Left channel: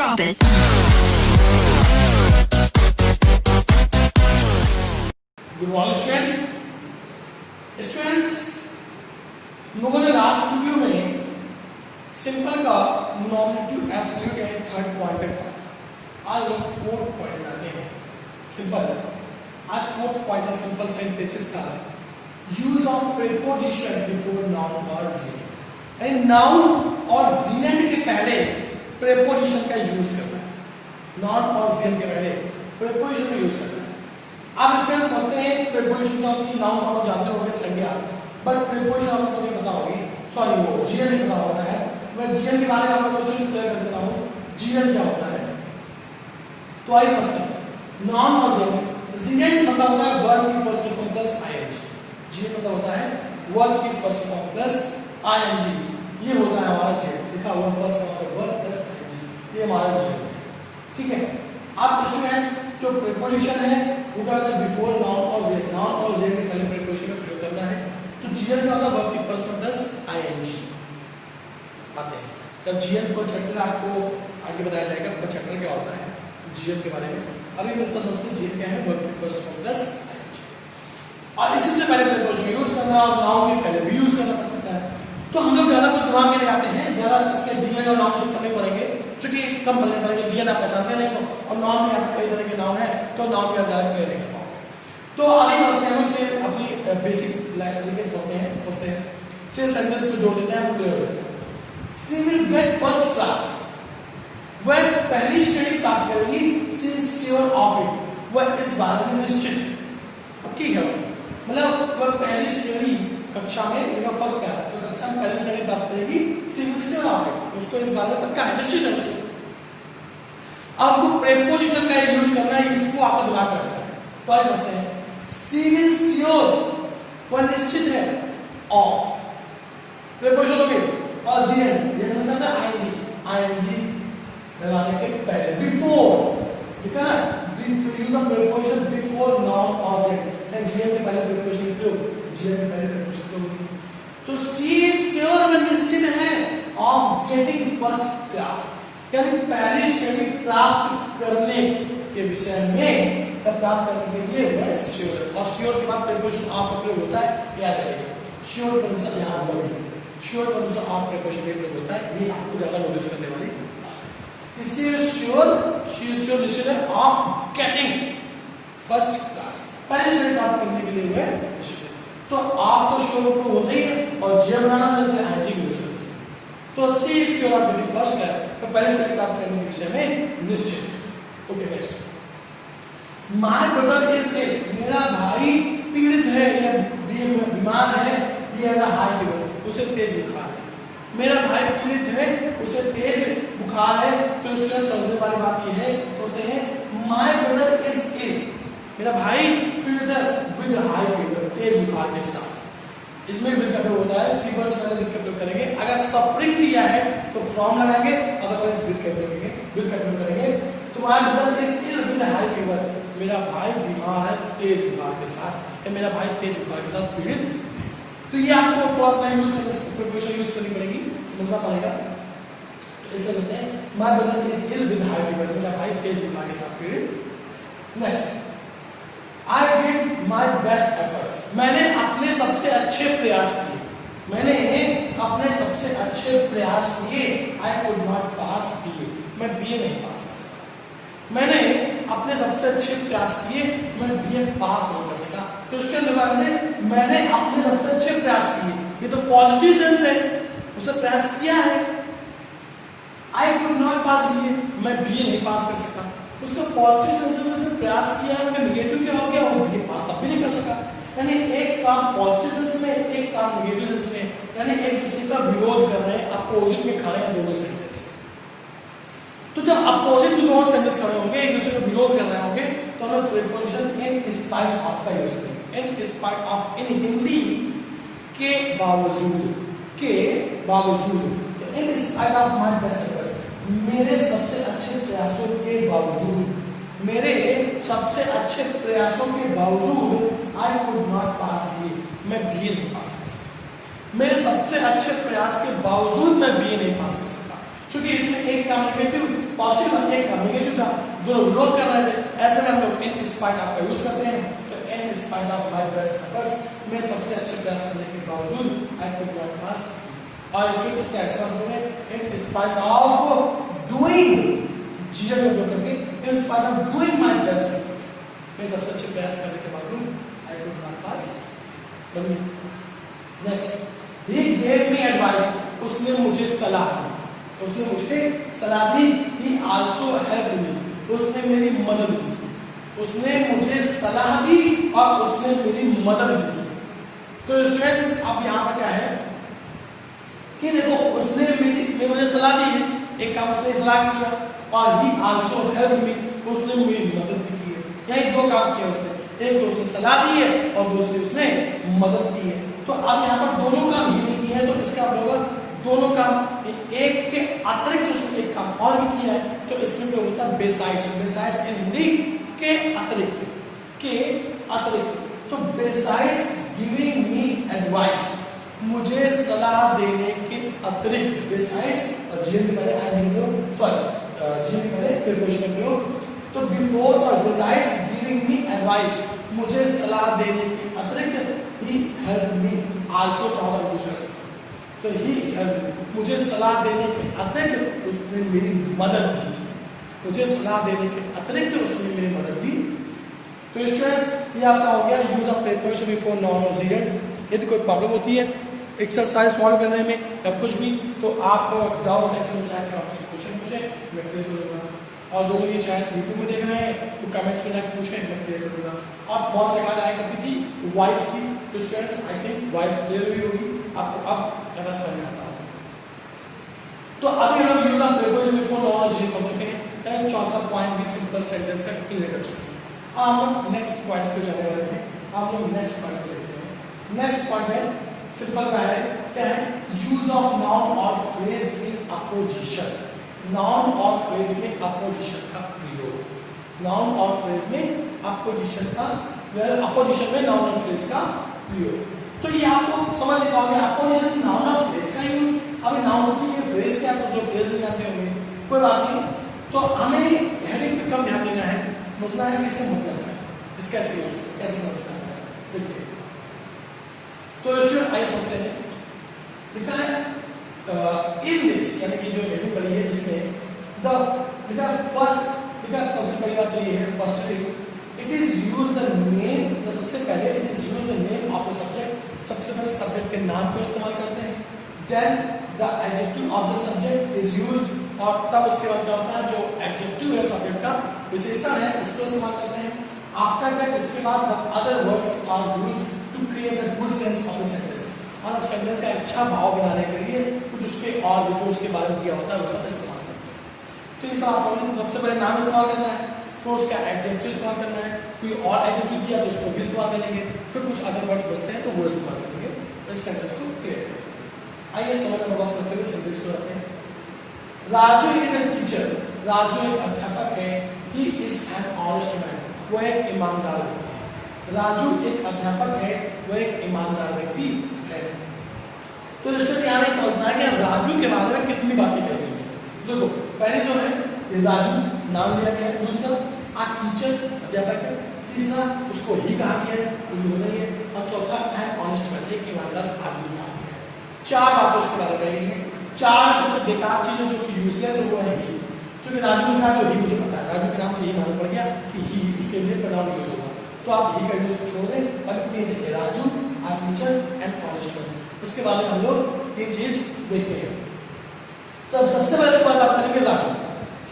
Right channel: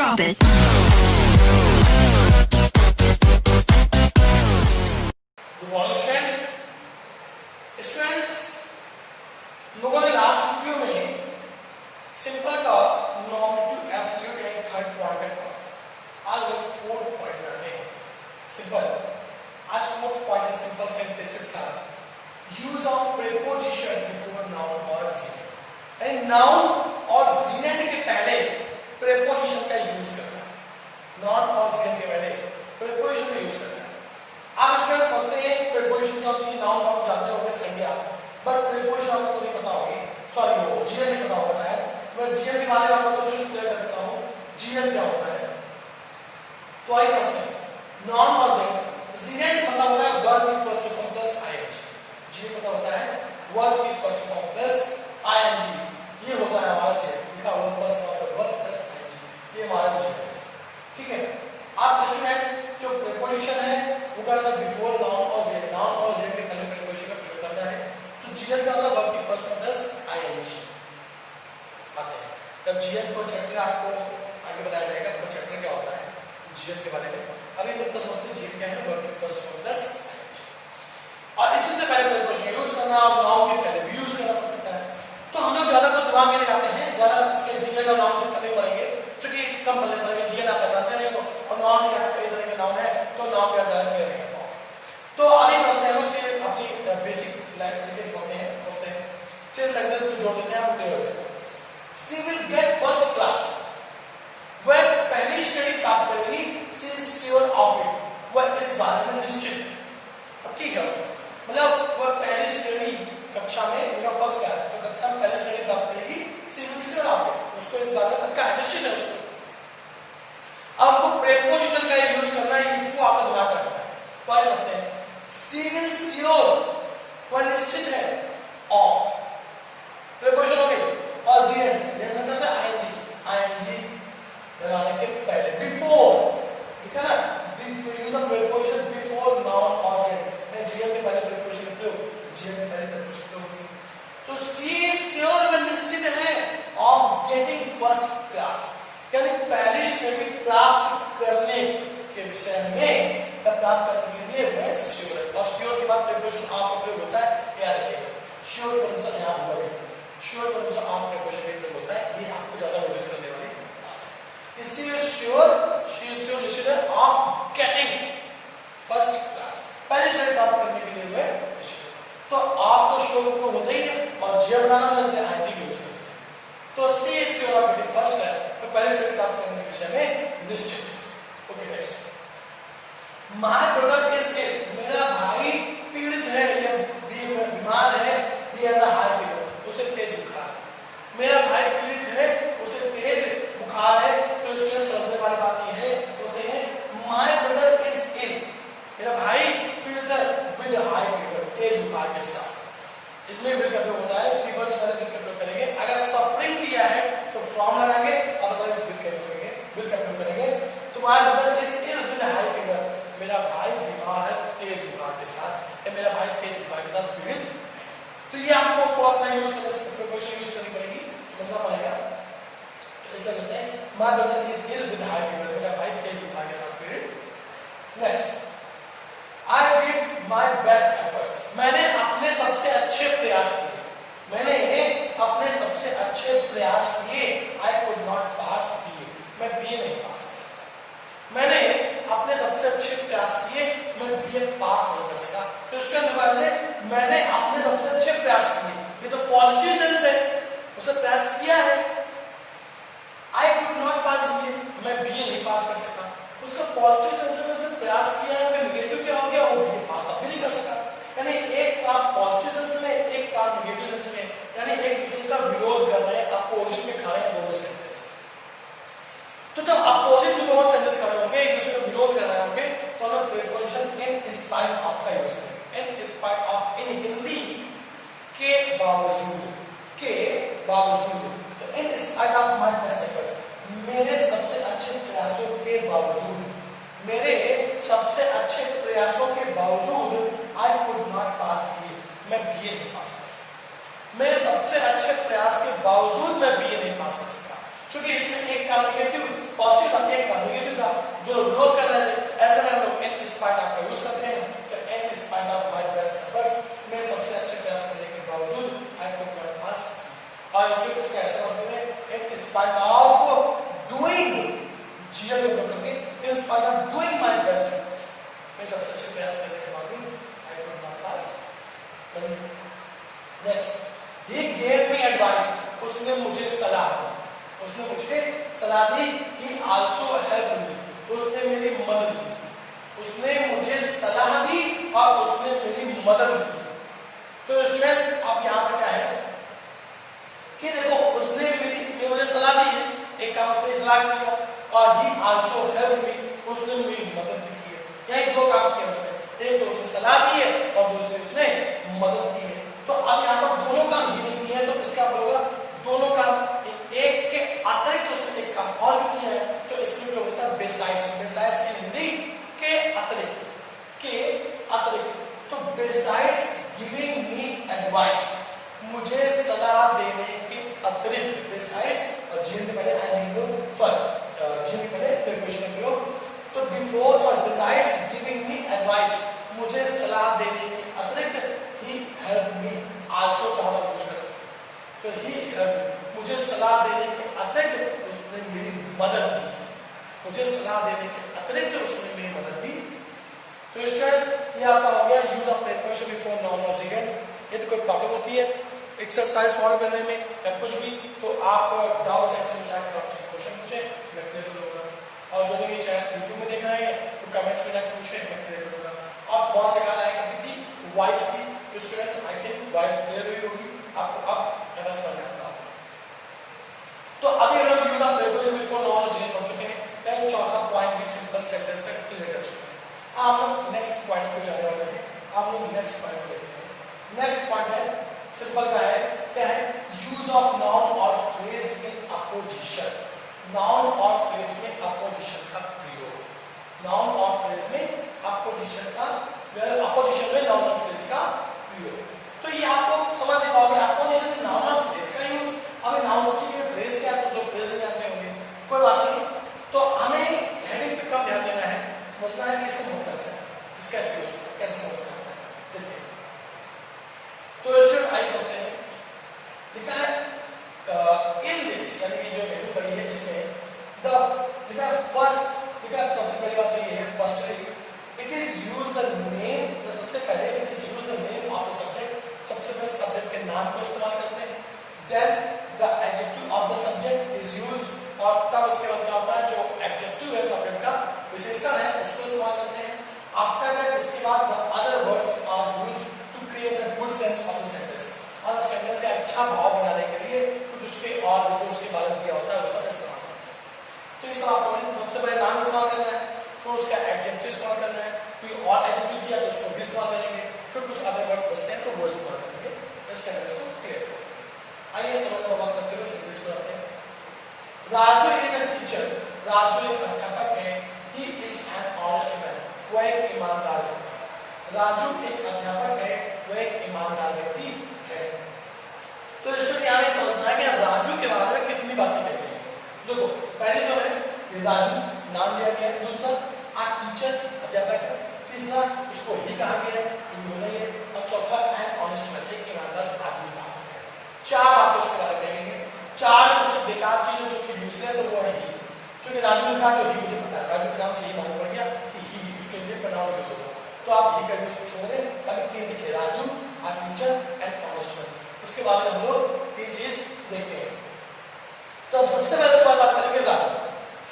Drop it. Good morning students, लोगों ने last video में सिंपल का nominative absolute and third quantity पढ़ा। आज हम फोर्थ पॉइंट करते हैं। सिंपल आज फोर्थ पॉइंट है सिंपल सेंटेंसेस का use of preposition before noun और जीएन। यानी नाउन और जीएन के पहले प्रीपोजिशन का यूज करना है। नाउन और जीएन के पहले प्रीपोजिशन का यूज करना है। आप स्टूडेंट्स समझते हैं प्रीपोजिशन क्या होती है। नाउन आप जानते होंगे संज्ञा, बट प्रीपोजिशन आपको नहीं पता होगी, सॉरी वो जीएन नहीं पता होगा शायद। मैं जीएन के बारे में आपको क्वेश्चन क्लियर कर देता हूं। जीएन क्या होता है तो आइए समझते हैं। नाउन और जीएन मतलब होता है वर्ब की first form plus I N G. G N मतलब होता है वर्ब की फर्स्ट फॉर्म प्लस आईएनजी। ये होता है हमारा जीएन, लिखा हुआ first form verb plus I N G, ये हमारा जीएन है। ठीक है, आप स्टूडेंट्स जो प्रीपोजिशन है वो कहता है बिफोर नाउन और जीएन। नाउन और जीएन के पहले प्रीपोजिशन का प्रयोग करना है। तो जीएन का मतलब वर्ब की फर्स्ट फॉर्म प्लस आईएनजी आते हैं। तब जीएन को चैप्टर आपको आगे बताया जाएगा। आपको चैप्टर क्या होता है जीएन के बारे में। अभी मतलब समझते हैं जीएन क्या है, वर्ब की फर्स्ट फॉर्म प्लस आईएनजी। और इसी से पहले प्रीपोजिशन यूज करना और नाउन के पहले भी यूज करना पड़ सकता है। तो हम लोग ज्यादा तो दिमाग में नहीं आते हैं, ज्यादा इसके जीएन और नाउन से करने पड़ेंगे क्योंकि कम बोलने पड़ेगा। जीएन आप पहचानते नहीं हो और नाउन में आपके कई तरह के नाउन है तो नाउन में आप डायरेक्ट ले नहीं पाओगे। तो आगे बढ़ते हैं, हम से अपनी बेसिक लैंग्वेज पढ़ते हैं। उससे से सेंटेंस को जोड़ेंगे, हम क्लियर हो जाएगा। She will get first class, वह पहली श्रेणी प्राप्त करेगी। She is sure of it, वह इस बारे में निश्चित है। अब की क्या मतलब वह पहली श्रेणी कक्षा में फर्स्ट क्लास तो कक्षा में पहली श्रेणी प्राप्त करेगी। She will sure of it, उसको इस बारे में पक्का है, निश्चित है उसको। अब आपको प्रीपोजिशन का यूज करना है, इसको आपका दिमाग रखना है। तो आइए समझते हैं। शी विल श्योर, वह निश्चित है, ऑफ प्रीपोजिशन हो गई। और जीएन ये मतलब आईएनजी, आईएनजी लगाने के पहले बिफोर, ठीक है ना। Use of preposition before noun और जीएन। जीएन के पहले प्रीपोजिशन प्रयोग, जीएन के पहले प्रीपोजिशन प्रयोग। तो शी इज श्योर, वह निश्चित है, ऑफ गेटिंग फर्स्ट क्लास, यानी पहली श्रेणी प्राप्त करने के विषय में, प्राप्त करने के लिए वह श्योर है। और श्योर के बाद प्रीपोजिशन ऑफ का प्रयोग होता है, याद रखिएगा। श्योर प्रोनाउंस यहां हुआ है, श्योर प्रोनाउंस ऑफ प्रीपोजिशन का प्रयोग होता है। ये आपको ज्यादा नोटिस करने वाली बात है। शी इज श्योर निश्चित है, ऑफ गेटिंग फर्स्ट क्लास, पहली श्रेणी प्राप्त करने के लिए वह निश्चित है। तो ऑफ तो श्योर को होता ही है और जे बनाना था इसलिए आईएनजी यूज करते हैं। तो she is sure of getting first class, तो पहले श्रेणी प्राप्त करने के विषय में निश्चित है। Okay next, my brother is ill, मेरा भाई पीड़ित है, या बीमार है, he has a high fever, उसे तेज बुखार है। मेरा भाई पीड़ित है, उसे तेज बुखार है। तो स्टूडेंट समझने वाली बात ये है, सोचते हैं माय ब्रदर इज इल, मेरा भाई पीड़ित है विद हाई फीवर, तेज बुखार के साथ। इसमें विद का प्रयोग होता है, फीवर से पहले विद का प्रयोग करेंगे। अगर सफरिंग दिया है तो फ्रॉम लगाएंगे, अदरवाइज विद का प्रयोग करेंगे, विद का प्रयोग करेंगे। तो my brother is ill with high fever, मेरा भाई बीमार है तेज बुखार के साथ, या मेरा भाई तेज बुखार के साथ पीड़ित है। तो ये आपको थोड़ा अपना यूज प्रीपोजिशन यूज करनी पड़ेगी, समझना पड़ेगा। तो इसमें कहते हैं my brother is ill with high fever, मेरा भाई तेज बुखार के साथ पीड़ित। Next, I give my best efforts, मैंने अपने सबसे अच्छे प्रयास किए, मैंने अपने सबसे अच्छे प्रयास किए। आई कुड नॉट पास किए, मैं बीए नहीं पास कर सका। मैंने अपने सबसे अच्छे प्रयास किए, मैं बीए पास नहीं कर सका। तो इसके अनुसार से मैंने अपने सबसे अच्छे प्रयास किए, ये तो पॉजिटिव सेंस है, उसने प्रयास किया है। आई कुड नॉट पास किए, मैं बीए नहीं पास कर सका। उसका पॉजिटिव सेंस में उसने प्रयास किया है, मैं नेगेटिव क्या हो गया, वो बीए पास तब भी नहीं कर सका। यानी एक काम पॉजिटिव सेंस में, एक काम नेगेटिव सेंस में, यानी एक दूसरे का विरोध कर रहे हैं, अपोजिट में खड़े हैं दोनों सेंटेंस। तो जब अपोजिट में दोनों सेंटेंस खड़े होंगे, एक दूसरे का विरोध कर रहे होंगे, तो हम प्रीपोजिशन इन स्पाइट ऑफ का यूज करेंगे। इन स्पाइट ऑफ, इन हिंदी के बावजूद, के बावजूद। तो in spite of my best efforts, मेरे सबसे अच्छे प्रयासों के बावजूद, मेरे सबसे अच्छे प्रयासों के बावजूद आई कुड नॉट पास किए, मैं बीए नहीं पास कर सका। मेरे सबसे अच्छे प्रयास के बावजूद मैं बीए नहीं पास कर सका, क्योंकि इसमें एक काम नेगेटिव पॉजिटिव था एक का नेगेटिव था, दोनों विरोध कर रहे थे, ऐसे में हम लोग इन स्पाइट ऑफ का यूज करते हैं। तो in spite of my best efforts, मैं सबसे अच्छे प्रयास करने के बावजूद आई कुड नॉट पास। और स्टूडेंट्स का ऐसा मतलब है in spite of doing, GL में करके in spite of doing my best efforts, मैं सबसे अच्छे प्रयास करने के बावजूद I could not pass. Next, he gave me advice, उसने मुझे सलाह दी, उसने मुझे सलाह दी। ही आल्सो हेल्प मी, उसने मेरी मदद की, उसने मुझे सलाह दी और उसने मेरी मदद की। तो स्टूडेंट्स अब यहाँ पर क्या है कि देखो उसने मुझे सलाह दी है, एक काम उसने सलाह किया, और ही आल्सो हेल्प मी, उसने मेरी मदद की है। यही दो काम किए उसने, एक उसने सलाह दी है और दूसरी उसने मदद की है। तो अब यहाँ पर दोनों काम ही नहीं किए हैं, तो इसका होगा दोनों काम, एक के अतिरिक्त उसने एक काम और भी किया है, तो इसमें क्या होता है बेसाइड्स। बेसाइड्स की हिंदी के अतिरिक्त, के अतिरिक्त। तो बेसाइड्स गिविंग मी एडवाइस, मुझे सलाह देने के अतिरिक्त, बेसाइड्स और जीएन के पहले आईएनजी को सॉरी जीएन के पहले प्रीपोजिशन प्रयोग, तो before sorry besides giving me advice, मुझे सलाह देने के अतिरिक्त ही हेल्प मी आल्सो चाहो यूज कर सकते, तो ही मुझे सलाह देने के अतिरिक्त उसने मेरी मदद की, मुझे सलाह देने के अतिरिक्त उसने मेरी मदद की। तो स्टूडेंट्स ये आपका हो गया use of preposition before noun और जीएन। यदि कोई प्रॉब्लम होती है एक्सरसाइज सॉल्व करने में या कुछ भी, तो आप डाउट सेक्शन में जाकर आपसे क्वेश्चन पूछें, मैं क्लियर करूंगा। और जो भी चाहे यूट्यूब में देख रहे हैं तो कमेंट्स में जाकर पूछें, मैं क्लियर करूंगा। आप बहुत से याद आएगा कि वॉइस की, तो students I think voice clear हुई होगी आपको, अब ऐसा समझ में आता होगा। तो अभी हम लोग use of preposition before noun और जीएन पढ़ चुके हैं, चौथा पॉइंट भी सिंपल सेंटेंस का क्लियर कर चुके हैं। हम लोग नेक्स्ट पॉइंट पे जाने वाले हैं, हम लोग नेक्स्ट पॉइंट पे देखते हैं। नेक्स्ट पॉइंट है सिंपल का है, क्या है यूज ऑफ नाउन और फ्रेज इन अपोजिशन। नाउन और फ्रेज में अपोजिशन का प्रयोग, नाउन और फ्रेज में अपोजिशन का, अपोजिशन में नाउन और फ्रेज का प्रयोग। तो ये आपको समझ नहीं पाओगे अपोजिशन में नाउन और फ्रेज का यूज। अभी नाउन होती है, फ्रेज क्या है, तो फ्रेज नहीं जानते होंगे, कोई बात नहीं। तो हमें हेडिंग पे कम ध्यान देना है, समझना है कि इसका मतलब है, इसका कैसे समझना है, देखते हैं। तो स्टूडेंट आइए समझते हैं, लिखा है इन दिस, यानी कि जो हेडिंग बनी है इसमें द लिखा फर्स्ट, लिखा सबसे पहली बात ये है first, it is use the name, तो सबसे पहले it is use the name of the subject, सबसे पहले सब्जेक्ट के नाम को इस्तेमाल करते हैं। Then the adjective of the subject is use, और तब उसके बाद क्या होता है जो एडजेक्टिव है सब्जेक्ट का विशेषण है उसको इस्तेमाल करते हैं। आफ्टर दैट इसके बाद the other words are used to create a good sense of the sentence, और सेंटेंस का अच्छा भाव बनाने के लिए कुछ उसके और जो उसके बारे में दिया होता है वो सब इस्तेमाल करते हैं। तो इस आपने सबसे पहले नाम इस्तेमाल करना है, फिर उसका एडजेक्टिव इस्तेमाल करना है, कोई और एडजेक्टिव दिया तो उसको भी इस्तेमाल करेंगे, फिर कुछ अदर वर्ड्स बचते हैं तो वो इस्तेमाल करेंगे, इस सेंटेंस को क्लियर करेंगे। आइए समझ में बात करते हुए सेंटेंस को रखते हैं। Raju is a teacher, Raju एक अध्यापक है, he is an honest man, वह एक ईमानदार व्यक्ति है। राजू एक अध्यापक है, वह एक ईमानदार व्यक्ति है। तो इसमें यहाँ में समझना है कि राजू के बारे में कितनी बातें कह रही है। देखो पहले जो है ये राजू नाम लिया गया है, दूसरा आ टीचर अध्यापक है, तीसरा उसको ही कहा गया है, होना ही है, और चौथा एन ऑनेस्ट मैन, एक ईमानदार आदमी कहा गया है। चार बातें उसके बारे में कहेंगे। चार सबसे बेकार चीजें जो कि यूजलेस है वो है ही, क्योंकि राजू ने कहा तो ही मुझे पता है, राजू के नाम से ही मालूम पड़ गया कि ही उसके लिए प्रोनाउन यूज होगा, तो आप ही करने से छोड़ दें, बाकी तीन देखिए राजू, आ टीचर एंड ऑनेस्ट मैन। उसके बाद में हम लोग तीन चीज देखते हैं। तो अब सबसे पहले इस बात करेंगे राजू,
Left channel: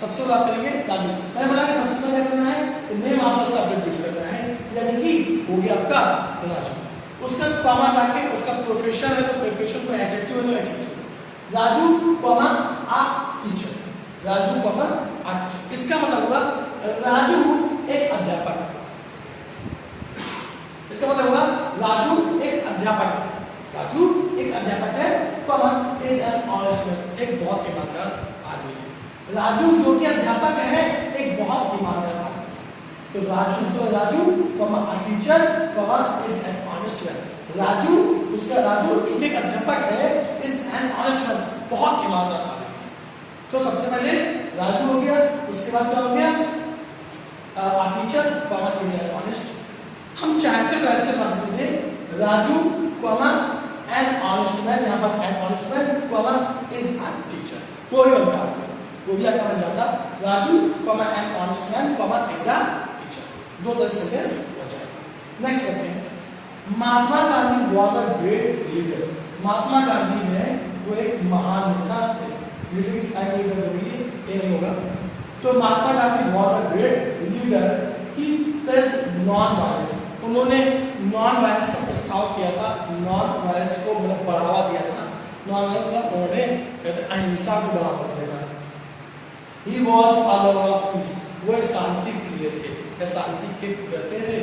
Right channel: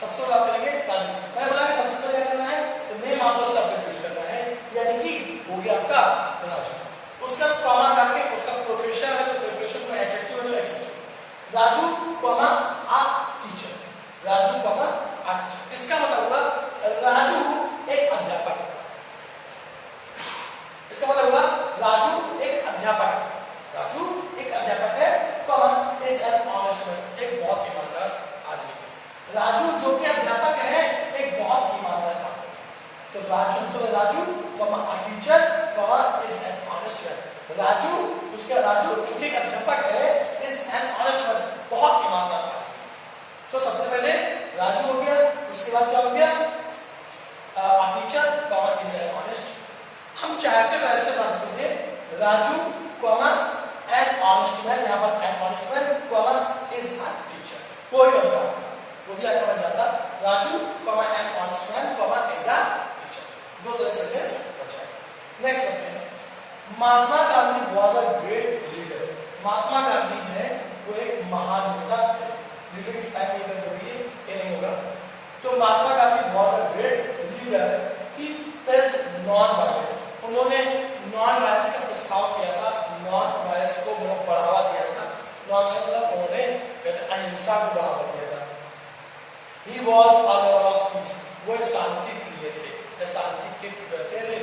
सबसे बात करेंगे राजू। मैं बोला सबसे पहले करना है तो name of the subject use करना है, यानी कि हो गया आपका राजू। उसका कॉमा डालके उसका प्रोफेशन है तो प्रोफेशन को एडजेक्टिव है तो adjective, Raju comma a teacher, Raju comma a teacher. इसका मतलब हुआ राजू एक अध्यापक, इसका मतलब हुआ राजू एक अध्यापक है, राजू एक अध्यापक है, comma is an honest man, एक बहुत ईमानदार आदमी है। राजू जो कि अध्यापक है एक बहुत ईमानदार आदमी है। तो Raju comma a teacher comma is an honest man, Raju उसका राजू जो कि अध्यापक है इज एन ऑनेस्ट मैन, बहुत ईमानदार आदमी है। तो सबसे पहले राजू हो गया, इसके बाद क्या हो गया, a teacher, comma is an honest. हम चाहते तो ऐसे बना सकते थे Raju, comma an honest man, यहाँ पर an honest man, comma is a teacher. कोई बनता है, वो भी आता बन जाता Raju, comma an honest man, comma is a teacher. दो तरह से सेंटेंस हो जाएगा। नेक्स्ट करते हैं, Mahatma Gandhi was a great leader. Mahatma Gandhi ने वो एक महान नेता थे। लीडर की स्टाइल लीडर होगी, ये नहीं होगा। तो Mahatma Gandhi was a great leader. He pressed non-violence. उन्होंने नॉन वायलेंस का प्रस्ताव किया था, नॉन वायलेंस को मतलब बढ़ावा दिया था। नॉन वायलेंस मतलब उन्होंने अहिंसा को बढ़ावा दिया था। He was a lover of peace. वो शांति प्रिय थे, शांति के कहते थे,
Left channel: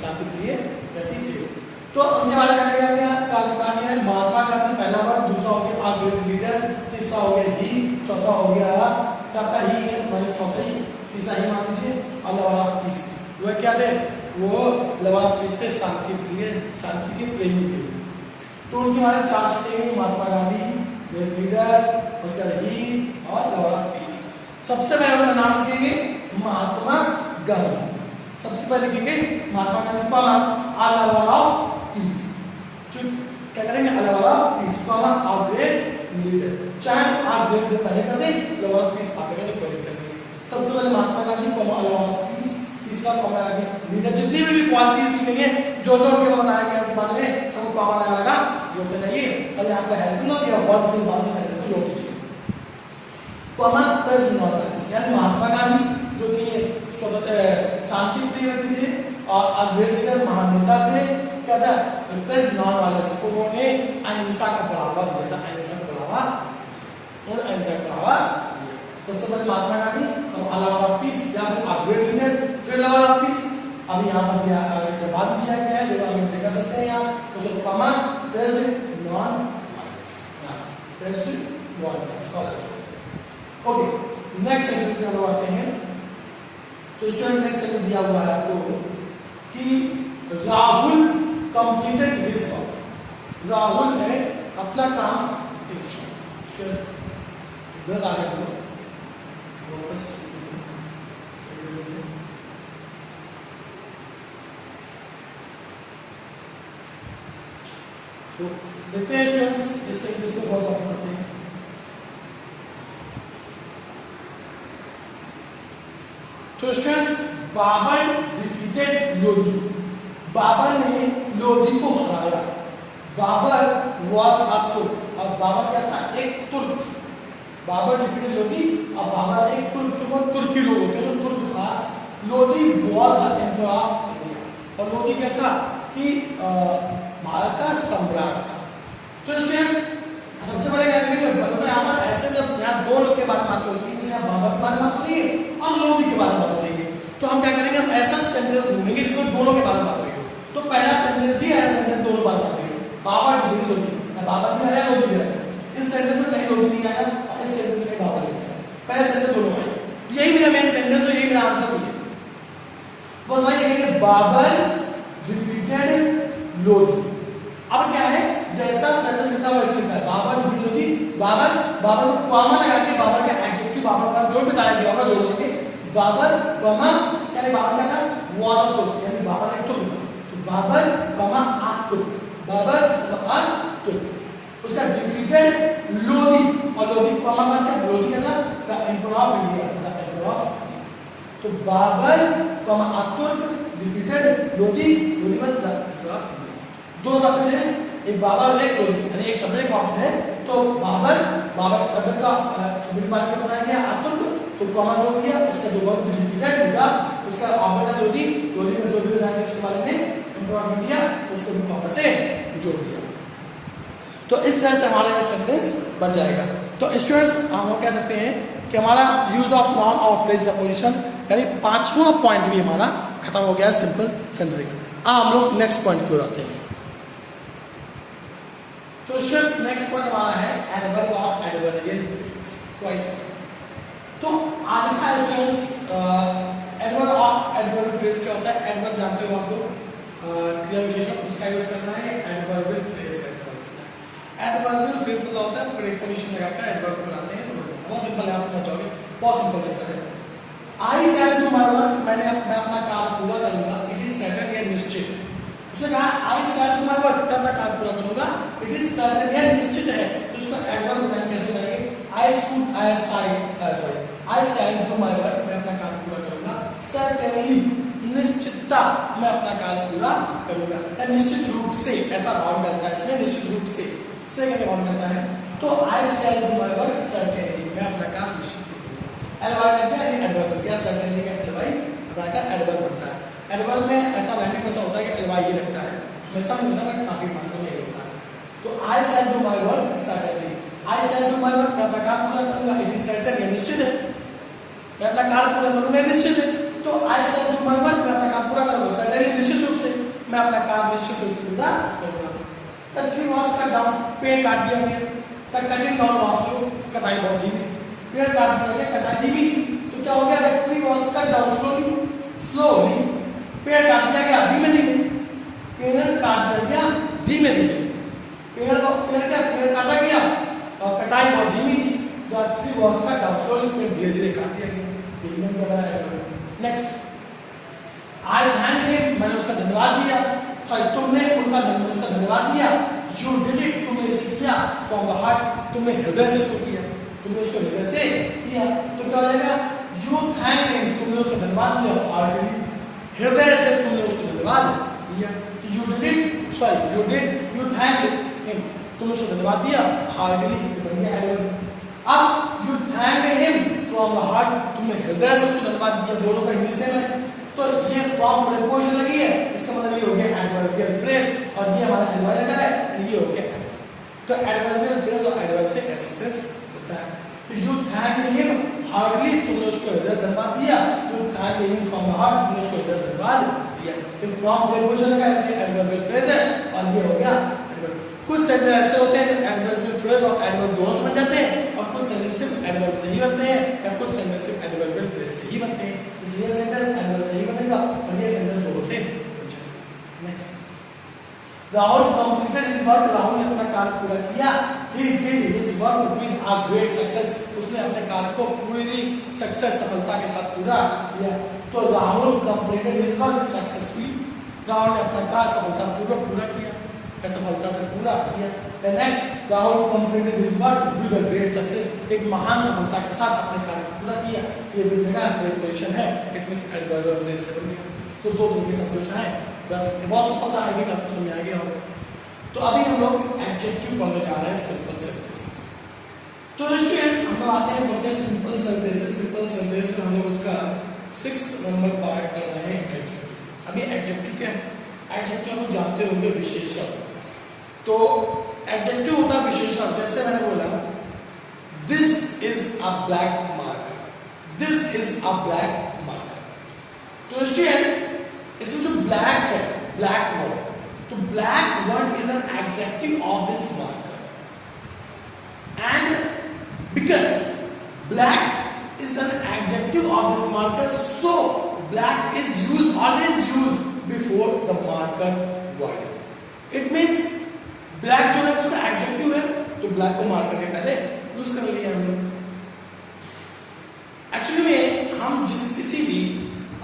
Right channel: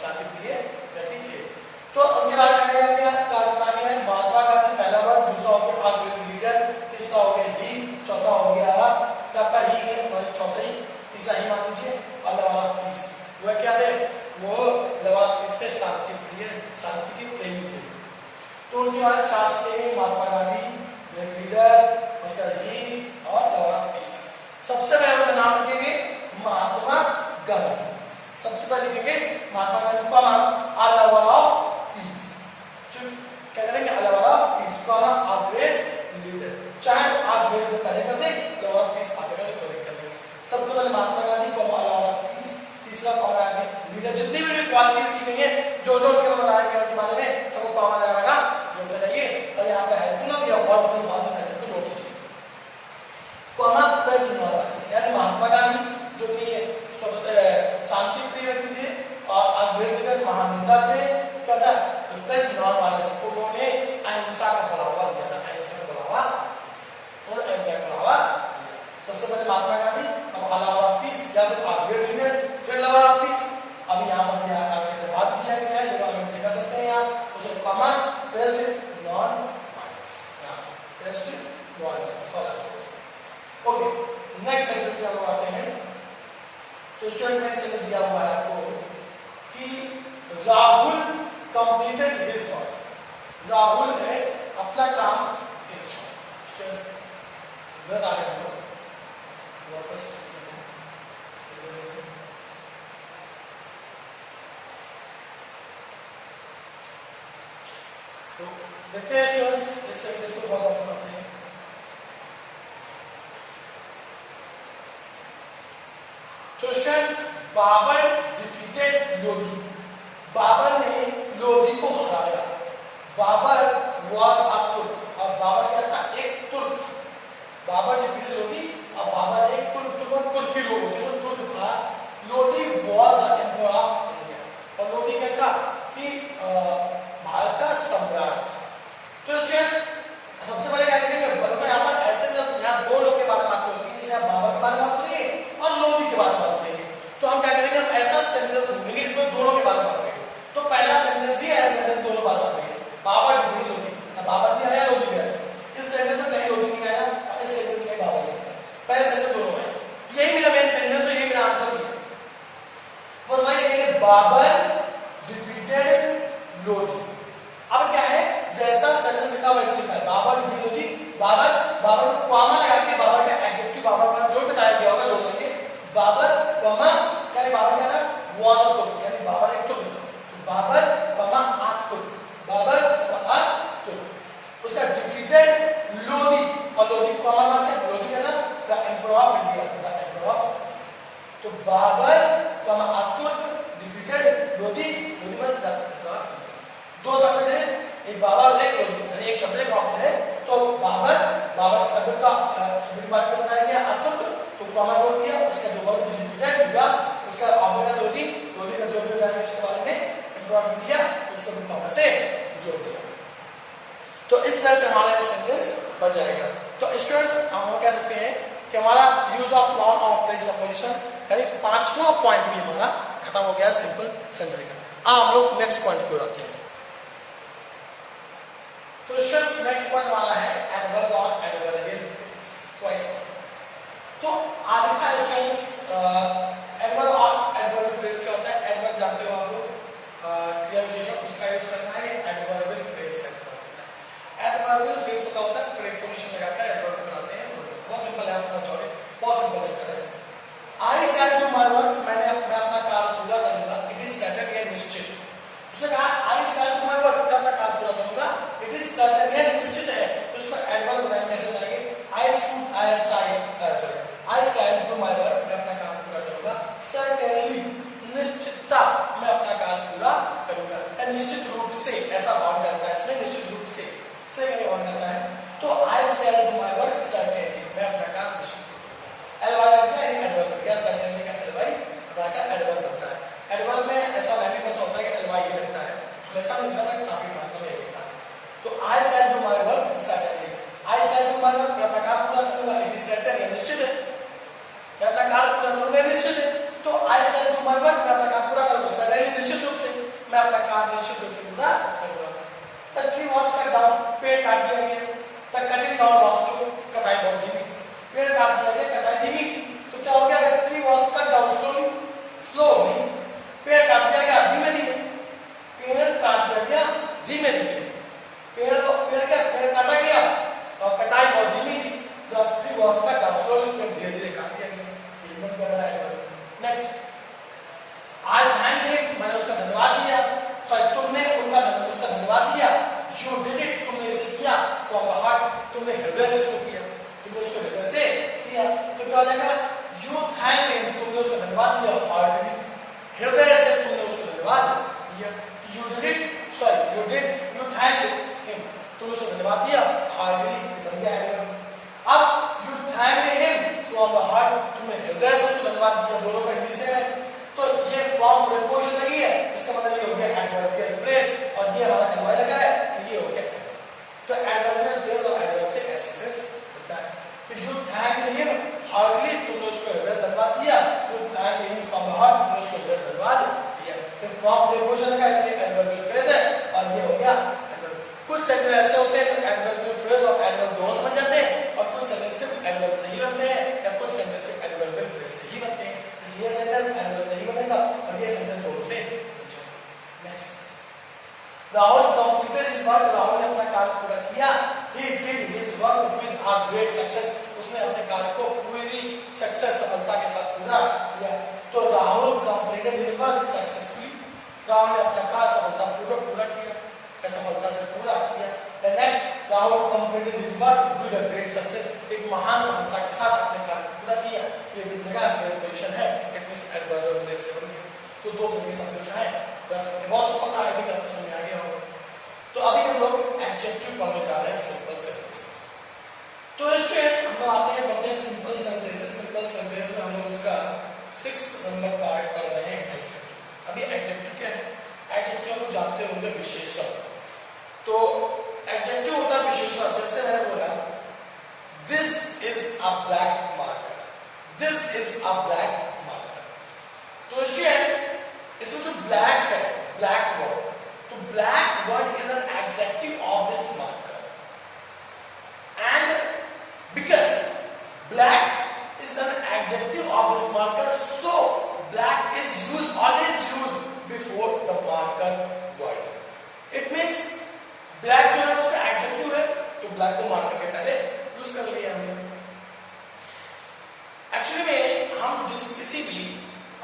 शांति प्रिय व्यक्ति थे। तो उनके बारे में क्या कहा है, महात्मा गांधी पहला वर्ड, दूसरा हो गया a great leader, तीसरा हो गया he, चौथा हो गया का ही है, मतलब चौथा ही, तीसरा ही मान लीजिए, a lover of peace। वो क्या है, वो लवा पीस शांति प्रिय, शांति के प्रेमी थे। तो उनके बारे में चार स्टेज, महात्मा गांधी, लीडर, उसका ही और लवा पीस। सबसे पहले उनका नाम लिखेंगे महात्मा गांधी, सबसे पहले लिखेंगे महात्मा गांधी का आ लवर ऑफ पीस। क्या करेंगे, आ लवर ऑफ पीस का आ ग्रेट लीडर, चाहे आ ग्रेट पहले कर दे, लवर ऑफ पीस आगे कर देंगे। सबसे पहले महात्मा गांधी को आ लवर ऑफ पीस, तीसरा कॉमन आगे लीडर। जितनी भी क्वालिटीज लिखेंगे जो जो के बताएंगे उनके बारे में सबको कॉमन लगा जोड़ के जाइए, और यहाँ पे हेल्पिंग ऑफ या वर्ब से बात में को जोड़ दीजिए। कॉमन प्लस नॉर्मल, यानी महात्मा गांधी जो कि शांति प्रिय व्यक्ति थे और ग्रेट लीडर महान नेता थे, क्या था प्लस नॉर्मल, उन्होंने अहिंसा का बढ़ावा दिया था, अहिंसा का बढ़ावा, उन्होंने अहिंसा का बढ़ावा। सबसे पहले महात्मा गांधी, अब लवर ऑफ पीस या तो ग्रेट लीडर, फिर लवर ऑफ पीस। अभी यहाँ पर बाद दिया गया है जो आगे चेक कर सकते हैं यहाँ, तो common pressed non violence, pressed non violence. Okay, next sentence में हम आते हैं। तो स्टूडेंट नेक्स्ट सेंटेंस दिया हुआ है आपको कि Rahul completed his work, Rahul ने अपना काम किया। इधर आ गए वापस, तो देखते हैं स्टूडेंट्स इस सेंटेंस को बहुत ऑप्शन करते हैं। तो स्टूडेंट्स बाबर डिफीटेड लोधी, बाबर ने लोधी को हराया। बाबर वाज अ तुर्क, और बाबर क्या था, एक तुर्क था। बाबर डिफीटेड लोधी और बाबर एक तुर्की लोग होते हैं, तुर्क था। Lodhi was the emperor of India, और लोधी क्या था कि भारत का सम्राट था। तो सबसे पहले क्या करेंगे, यहाँ पर ऐसे जब यहाँ दो लोग के बारे में बात होगी, यहाँ बाबर के बारे में बात करेंगे और लोधी के बारे में बात करेंगे, तो हम क्या करेंगे, हम ऐसा सेंटेंस ढूंढेंगे जिसमें दोनों के बारे में बात करेंगे। तो पहला सेंटेंस ही है, सेंटेंस दोनों बारे में बात करेंगे, बाबर डिफीटेड लोधी, बाबर भी आया लोधी भी आया। इस सेंटेंस में कहीं लोधी नहीं आया, इस सेंटेंस में बाबर नहीं आया, पहले सेंटेंस दोनों आए। यही मेरा मेन सेंटेंस है, यही मेरा आंसर भी है। बस वही है, बाबर डिफीटेड लोधी। अब क्या है, जैसा सेंटेंस लिखा वैसे लिखा है, बाबर डिफीटेड लोधी, बाबर, बाबर को कॉमा लगा के बाबर का एडजेक्टिव, बाबर का जो बताया गया होगा जोड़ लेंगे। बाबर कॉमा, यानी बाबर क्या था, वाज अ तुर्क, यानी बाबर एक तुर्क था। बाबर कॉमा अ तुर्क, बाबर कॉमा अ तुर्क। उसका डिफीटेड लोधी, और लोधी कॉमा बात है, लोधी क्या था, the emperor of India, the emperor of. तो बाबर कॉमा अ तुर्क डिफीटेड लोधी, लोधी मतलब द एम्परर ऑफ इंडिया। दो शब्द हैं, एक बाबर और एक लोधी, यानी एक शब्द एक ऑप्शन है। तो बाबर, बाबर शब्द का शब्द की बात बताया गया, अ तुर्क, तो कॉमा जोड़ किया, उसका जो वर्ड डिफीटेड होगा, उसका ऑब्जेक्ट लोधी, लोधी का जो भी बताया इसके बारे में एम्परर ऑफ इंडिया, उसको भी कॉमा से जोड़ दिया। तो इस तरह से हमारा यह सेंटेंस बन जाएगा। तो स्टूडेंट्स हम कह सकते हैं कि हमारा यूज ऑफ नाउन और फ्रेज पोजीशन, यानी पांचवा पॉइंट भी हमारा खत्म हो गया सिंपल सेंटेंस। हम लोग नेक्स्ट पॉइंट को आते हैं। तो स्टूडेंट्स नेक्स्ट पॉइंट हमारा है एडवर्ब और एडवर्बियल फ्रेज। तो आज का स्टूडेंट्स एडवर्ब और एडवर्बियल फ्रेज क्या होता है, एडवर्ब जानते हो आप लोग, क्रिया विशेषण, उसका यूज करना है। एडवर्बियल फ्रेज का यूज करना है। एडवर्बियल फ्रेज मतलब होता है प्रीपोजिशन लगाकर एडवर्ब बनाते हैं, बहुत सिंपल है, आप समझ जाओगे। बहुत सिंपल चैप्टर है। आई शैल डू माय वर्क, मैं अपना काम पूरा करूंगा, इट इज सर्टेन या निश्चित। उसने कहा आई शैल डू माय वर्क, मैं काम पूरा करूंगा, इट इज सर्टेन या निश्चित है। तो उसका एडवर्ब बनाएंगे, कैसे बनाएंगे? आई शैल डू माय वर्क, मैं अपना काम पूरा करूंगा, सर्टेनली निश्चितता, मैं अपना काम पूरा करूंगा। निश्चित रूप से, ऐसा बाउंड करता है इसमें, निश्चित रूप से बाउंड करता है। तो I shall do my work certainly, मैं अपना काम निश्चित एलवाई लग गया, एडवर्ब बन गया, सर्टेनली का एलवाई का एडवर्ब बनता है। एडवर्ब में ऐसा 90% होता है कि एलवाई ही लगता है, ऐसा नहीं होता, मैं काफी मात्रा में लेता है। तो I shall do my work certainly, I shall do my work, मैं अपना काम पूरा करूंगा, इट इज सर्टेन या निश्चित है, मैं अपना काम पूरा करूंगा, निश्चित है। तो I shall do my work, मैं अपना काम पूरा करूंगा, सर्टेनली निश्चित रूप से, मैं अपना काम निश्चित रूप से पूरा करूंगा। The tree was cut down, पेड़ काट दिया गया, the cutting down was slow, कटाई बहुत धीमी, पेड़ काट दिया गया, कटाई धीमी। तो क्या हो गया? The tree was cut down slowly, पेड़ काट दिया गया धीमे धीमे, पेड़ काट दिया गया धीमे धीमे, पेड़ काटा गया और कटाई बहुत धीमी थी। The tree was cut down slowly, पेड़ धीरे धीरे काट दिया गया। कर रहा है। नेक्स्ट, आई थैंक हिम, मैंने उसका धन्यवाद दिया, तुमने उसका धन्यवाद दिया, यू डिड इट, तुमने इसे किया, फ्रॉम द हार्ट, तुमने हृदय से इसको किया, तुमने इसको हृदय से किया। तो क्या हो जाएगा? यू थैंक हिम, तुमने उसका धन्यवाद दिया, हार्टली, हृदय से तुमने उसको धन्यवाद दिया। You did it, you thank him, तुमने उसको धन्यवाद दिया, हार्टली, बन गया एडवर्ब। अब you thank him from the heart, तुमने हृदय से उसको धन्यवाद दिया, दोनों का हिंदी से है। तो ये फ्रॉम प्रीपोजिशन लगी है, इसका मतलब ये हो गया एडवर्बियल फ्रेज, और ये हमारा एडवर्ब लगा है, ये हो गया एडवर्ब। तो एडवर्बियल फ्रेज और एडवर्ब से कैसे फ्रेज होता है? तो यू थैंक हिम हार्टली, तुमने उसको हृदय से धन्यवाद दिया, you thank him from the heart, तुमने उसको हृदय से धन्यवाद दिया। तो फ्रॉम प्रीपोजिशन लगा है, इसलिए एडवर्बियल फ्रेज है, और ये हो गया एडवर्ब। कुछ सेंटेंस ऐसे होते हैं एडवर्बियल फ्रेज और एडवर्ब दोनों से बन जाते हैं, और कुछ सेंटेंस सिर्फ एडवर्ब से ही बनते हैं, या कुछ सेंटेंस सिर्फ एडवर्बियल फ्रेज से ही बनते हैं। इसलिए सेंटेंस एडवर्ब से ही बनेगा, और ये सेंटेंस दोनों से बन जाएगा। Next, Rahul completed his work, Rahul ने अपना काम पूरा किया, he did his work with a great success, उसने अपने काम को पूरी सक्सेस, सफलता के साथ पूरा किया। तो Rahul completed his work successfully, Rahul ने अपना काम सफलतापूर्वक पूरा किया, सफलता से पूरा किया। Next, Rahul completed his work with a great success, एक महान सफलता के साथ अपने काम पूरा किया। ये भी जगह प्रीपोजिशन है, इट मींस एडवर्ब फ्रेज से बनी है। तो दो तरह की सब्जेक्ट है, बहुत सिंपल है, अभी आपको समझ आ गया होगा। तो अभी हम लोग एडजेक्टिव पढ़ने जा रहे हैं, सिंपल सेंटेंस। तो स्टूडेंट्स, हम लोग आते हैं पढ़ते हैं सिंपल सेंटेंसेस। सिंपल सेंटेंस में हम लोग उसका 6 नंबर पार्ट कर रहे हैं, एडजेक्टिव। अभी एडजेक्टिव क्या है? एडजेक्टिव हम लोग जानते होंगे, विशेषण। तो एडजेक्टिव होता है विशेषण। जैसे मैंने बोला, this is a black marker, this is a black marker. तो स्टूडेंट, इसमें जो ब्लैक है, ब्लैक वर्ड, तो black word is an adjective of this marker, and because black is an adjective of this marker, so black is used, always used before the marker word. It means black जो है उसका adjective है, तो black को marker के पहले use कर लिया हमने। एक्चुअली में हम किसी भी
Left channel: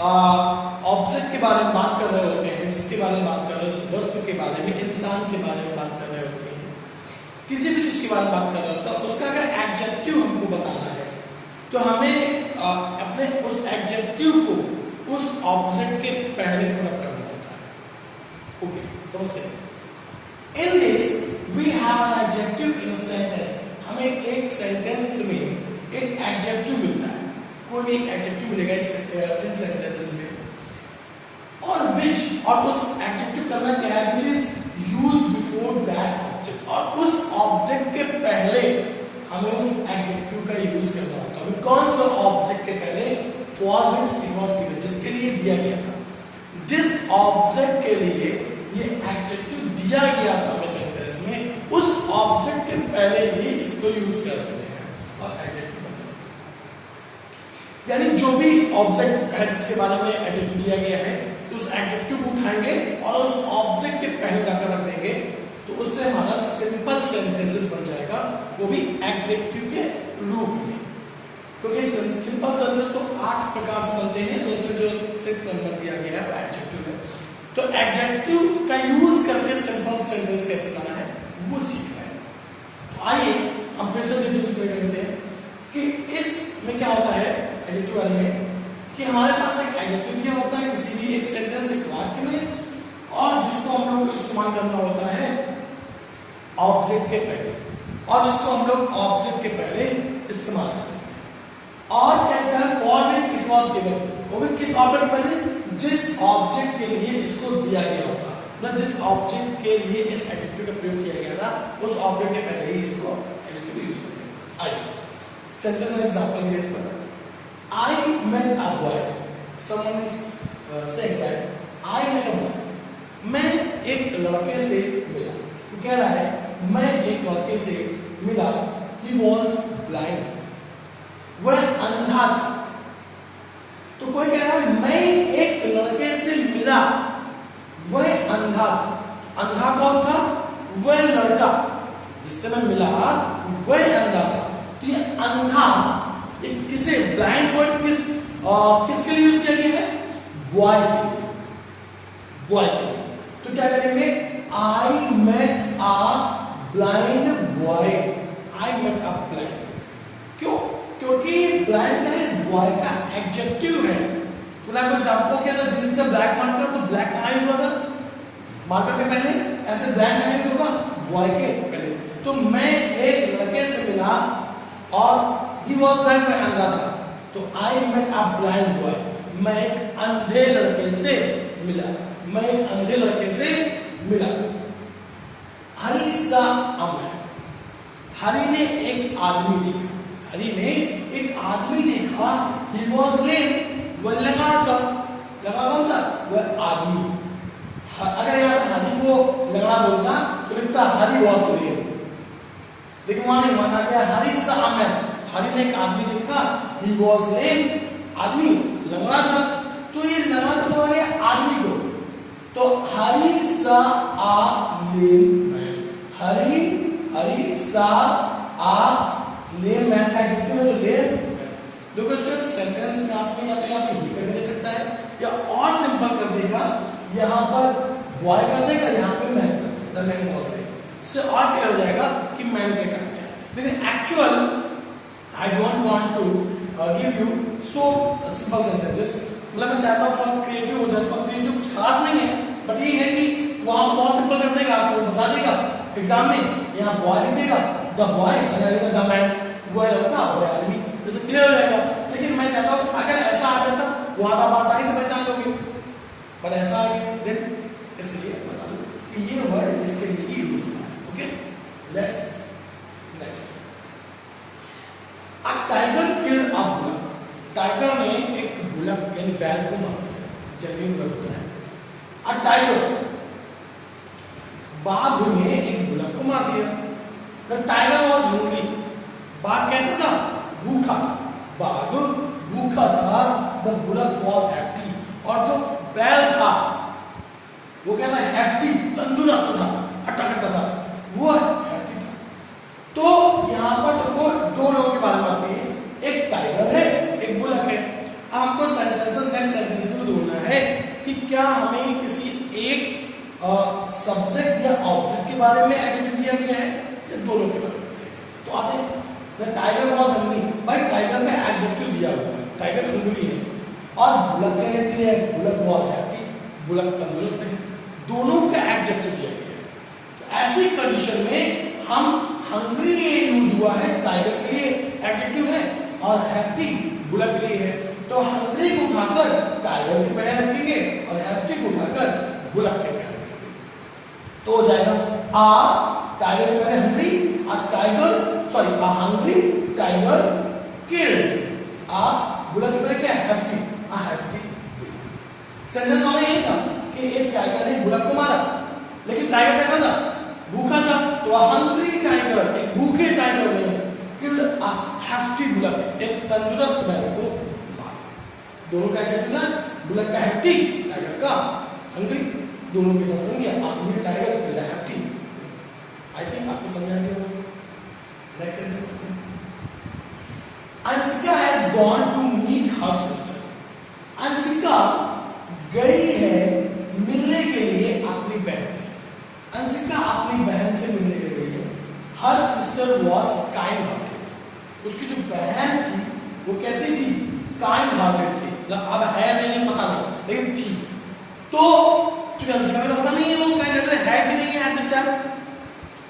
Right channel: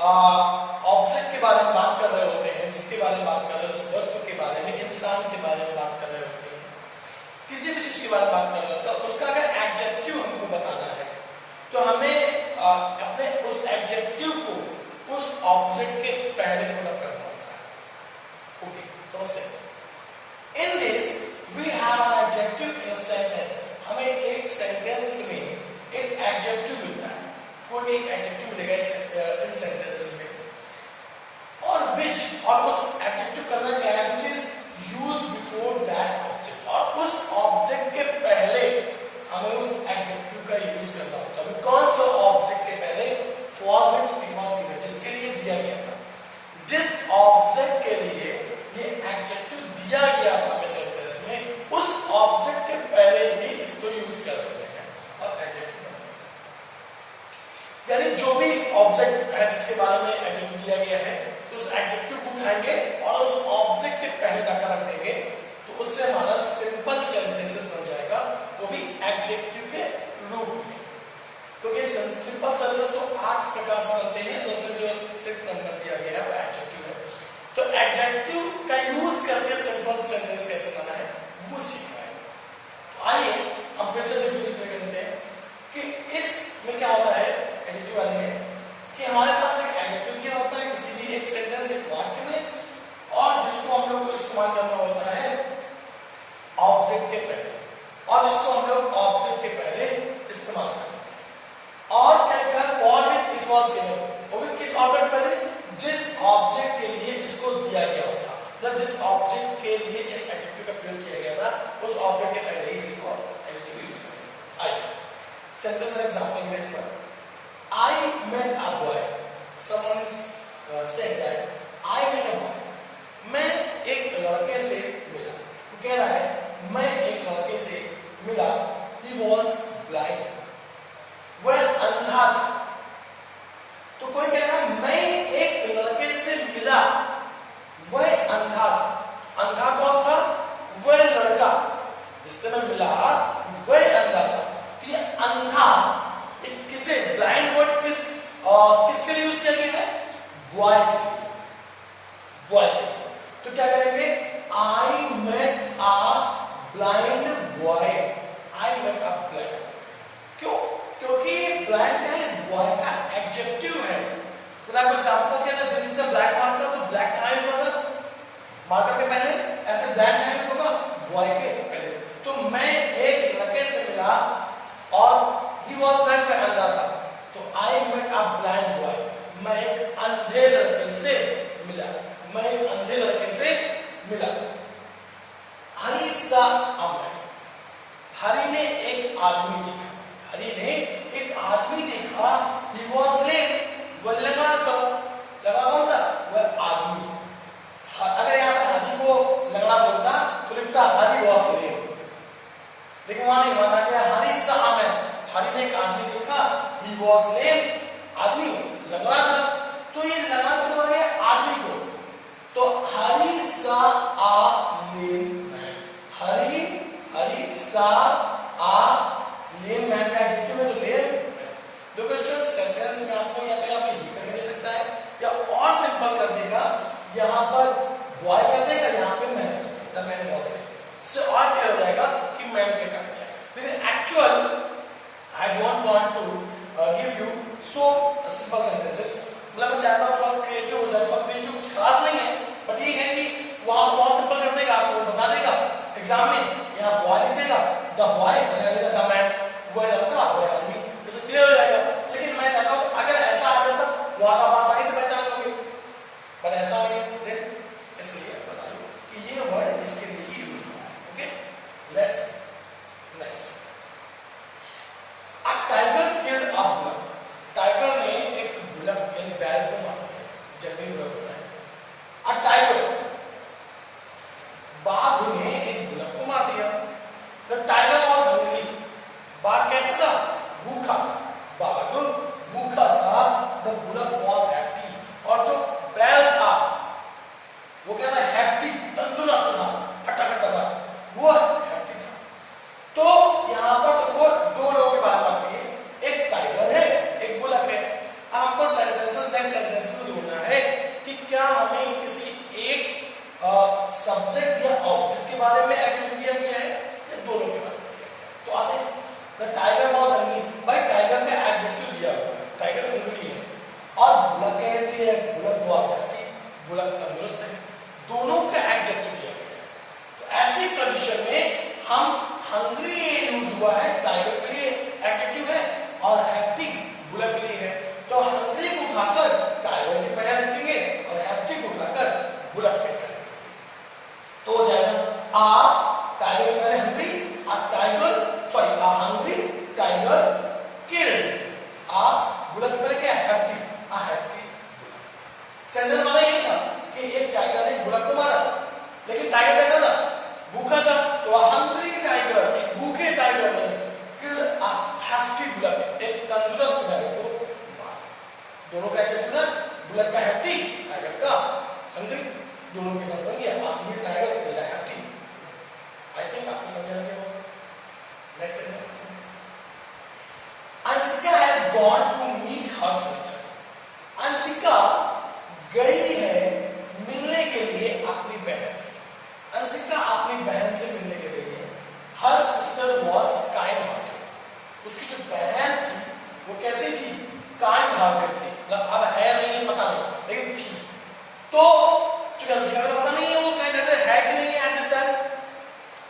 ऑब्जेक्ट के बारे में बात कर रहे होते हैं, जिसके बारे में बात कर रहे हैं, वस्तु के बारे में, इंसान के बारे में बात कर रहे होते हैं, किसी भी चीज के बारे में बात कर रहे होते हैं, उसका अगर एडजेक्टिव हमको बताना है, तो हमें अपने उस एडजेक्टिव को उस ऑब्जेक्ट के पहले पुनः करना होता है। ओके, समझते हैं? In this, we have an adjective in a sentence. हमें एक सेंटेंस में एक एडजेक्टिव मिलता है, कोई एक एडजेक्टिव मिलेगा इन सेंटेंसेस में, और उस एडजेक्टिव करना क्या है? which is used before that object, और उस ऑब्जेक्ट के पहले हमें उस एडजेक्टिव का यूज करना होता है। कौन सा ऑब्जेक्ट के पहले? for which it was given, जिसके लिए दिया गया था, जिस ऑब्जेक्ट के लिए ये एडजेक्टिव दिया गया था हमें सेंटेंस में, उस ऑब्जेक्ट के पहले ही इसको यूज कर देते हैं और एडजेक्टिव बन जाता है। यानी जो भी ऑब्जेक्ट है जिसके बारे में एडजेक्टिव दिया गया है, तो उस एडजेक्टिव को उठाएंगे और उस ऑब्जेक्ट के पहले जाकर रख देंगे, तो उससे हमारा सिंपल सेंटेंसेस बन जाएगा, वो भी एडजेक्टिव के रूप में। क्योंकि सिंपल सर्विस तो 8 प्रकार से बनते हैं, तो उसमें जो सिर्फ नंबर दिया गया है वो एडजेक्टिव है। तो एडजेक्टिव का यूज करके सिंपल सेंटेंस कैसे बनाना है वो सीखना है। आइए हम फिर से रिव्यू कर लेते हैं कि इसमें क्या होता है एडजेक्टिव वाले में, कि हमारे पास एक एडजेक्टिव क्या होता है किसी भी एक सेंटेंस एक वाक्य में, और जिसको हम लोग को इस्तेमाल करना होता है ऑब्जेक्ट के पहले, और जिसको हम लोग ऑब्जेक्ट के पहले इस्तेमाल करते हैं। और क्या लिखा है for which it was given, वो भी किस ऑब्जेक्ट के पहले, जिस ऑब्जेक्ट के लिए इसको दिया गया होता, मतलब जिस ऑब्जेक्ट के लिए इस एडजेक्टिव का प्रयोग किया गया था उस ऑब्जेक्ट के पहले ही इसको एडजेक्टिव यूज करते हैं। आइए सेंटेंस एंड एग्जांपल के इस पर, I met a boy. Someone is saying that I met a boy. मैं एक लड़के से मिला, वो कह रहा है मैं एक लड़के से मिला। He was blind. वह अंधा था। तो कोई कह रहा है मैं एक लड़के से मिला, वह अंधा था। अंधा कौन था? वह लड़का जिससे मैं मिला वह अंधा था। तो ये अंधा किसे ब्लाइंड वर्ड किसके लिए यूज किया गया है? बॉय के लिए, बॉय के लिए। तो क्या करेंगे? I met a blind boy, I met a blind. क्यों? क्योंकि ब्लाइंड का इस बॉय का एडजेक्टिव है। तो मैं आपको एग्जांपल किया था, this is a black marker, तो ब्लैक कहां यूज होगा? मार्कर के पहले। ऐसे ब्लैक कहां यूज होगा? बॉय के पहले। तो मैं एक लड़के से मिला और he was blind, मैं अंधा था, तो I met a blind boy, मैं एक अंधे लड़के से मिला, मैं एक अंधे लड़के से मिला। हरी सा अमर, हरी ने एक आदमी देखा, हरी ने एक आदमी देखा। he was lame, वह लंगड़ा था। लंगड़ा कौन था? वह आदमी। अगर यहाँ पे हरी को लंगड़ा बोलता तो लिखता हरी was lame, लेकिन वहां नहीं, वहां क्या हरी सा अमर, हरी ने एक आदमी देखा। he was lame, आदमी लंगड़ा था। तो ये लंगड़ा क्यों आ गया? आदमी को। तो हरी सा आ लेम मैन, हरी सा आ लेम मैन का एडजेक्टिव है, तो लेम। दो क्वेश्चन सेंटेंस में आपको या कहीं आप ही करके दे सकता है, या और सिंपल कर देगा, यहाँ पर बॉय कर देगा, यहाँ पे मैन कर देगा, द मैन वाज लेम। इससे और क्लियर हो जाएगा कि मैन क्या कर दिया। लेकिन actual I don't want to give you so simple sentences। मतलब मैं चाहता हूँ थोड़ा क्रिएटिव हो जाए, और क्रिएटिव कुछ खास नहीं है, बट ये है कि वहां पर बहुत सिंपल कर देगा, आपको बता देगा एग्जाम में। यहाँ बॉय लिख देगा, द बॉय, द मैन, वह लड़का, वह आदमी, इससे क्लियर हो जाएगा। लेकिन मैं चाहता हूँ अगर ऐसा आ जाता वहां आप आसानी से पहचान लोगे, बट ऐसा देन इसलिए बता दो कि ये वर्ड इसके लिए ही यूज हुआ है। Okay, let's next. A tiger killed a bull. Tiger ने एक बुलक यानी बैल को मार दिया, जंगली बुलक होता है। A tiger, बाघ ने एक बुलक को मार दिया। The tiger was hungry. बाघ कैसा था? भूखा था। बाघ भूखा था। The bullock was hefty. और जो बैल था वो कैसा? hefty, तंदुरुस्त था, हट्टा था, वो hefty था। तो यहाँ पर देखो दो लोगों के बारे में बात है, एक टाइगर है, एक बुलक है। आपको सेंटेंसेस नेक्स्ट सेंटेंसेस में ढूंढना है कि क्या हमें किसी एक सब्जेक्ट या ऑब्जेक्ट के बारे में एडजेक्टिव दिया गया है या दोनों के बारे में। तो आते हैं टाइगर वाज हंग्री, भाई टाइगर का एडजेक्टिव दिया हुआ है, टाइगर हंग्री है, और बुलक कहने के लिए बुलक वाज हैप्पी, बुलक तंदुरुस्त है, दोनों का एडजेक्टिव दिया गया है। तो ऐसी कंडीशन में हम हंग्री यूज हुआ है टाइगर के लिए एडजेक्टिव है, और हैप्पी बुलक के लिए है। तो हंग्री को उठाकर टाइगर के पैर रखेंगे और हैप्पी को उठाकर बुलक के पैर रखेंगे, तो हो जाएगा आ टाइगर के पहले हंग्री, आ टाइगर सॉरी आ हंग्री टाइगर किल्ड, आ बुलक के पहले क्या हैप्पी, आ हैप्पी बुलक। सेंटेंस वाला यही था कि एक टाइगर ने बुलक को मारा, लेकिन टाइगर कैसा था? भूखा था। तो हंग्री टाइगर, एक भूखे टाइगर ने किल्ड अ हैप्पी बुलक, एक तंदुरुस्त बैल को मारा। दोनों का एडजेक्टिव ना, बुलक का हैप्पी, टाइगर का हंग्री, दोनों के साथ बन गया hungry tiger killed a happy. I think आपको समझ आ गया। Next sentence, Anshika has gone to meet her sister. Anshika गई है मिलने के लिए अपनी बहन से। अंशिका अपनी बहन से मिलने के लिए गई है। Her sister was kind hearted. उसकी जो बहन थी वो कैसी थी? काइंड हार्टेड थी। मतलब अब है नहीं पता नहीं, लेकिन थी। तो अंशिका को पता नहीं है वो काइंड हार्टेड है कि नहीं है एट दिस टाइम।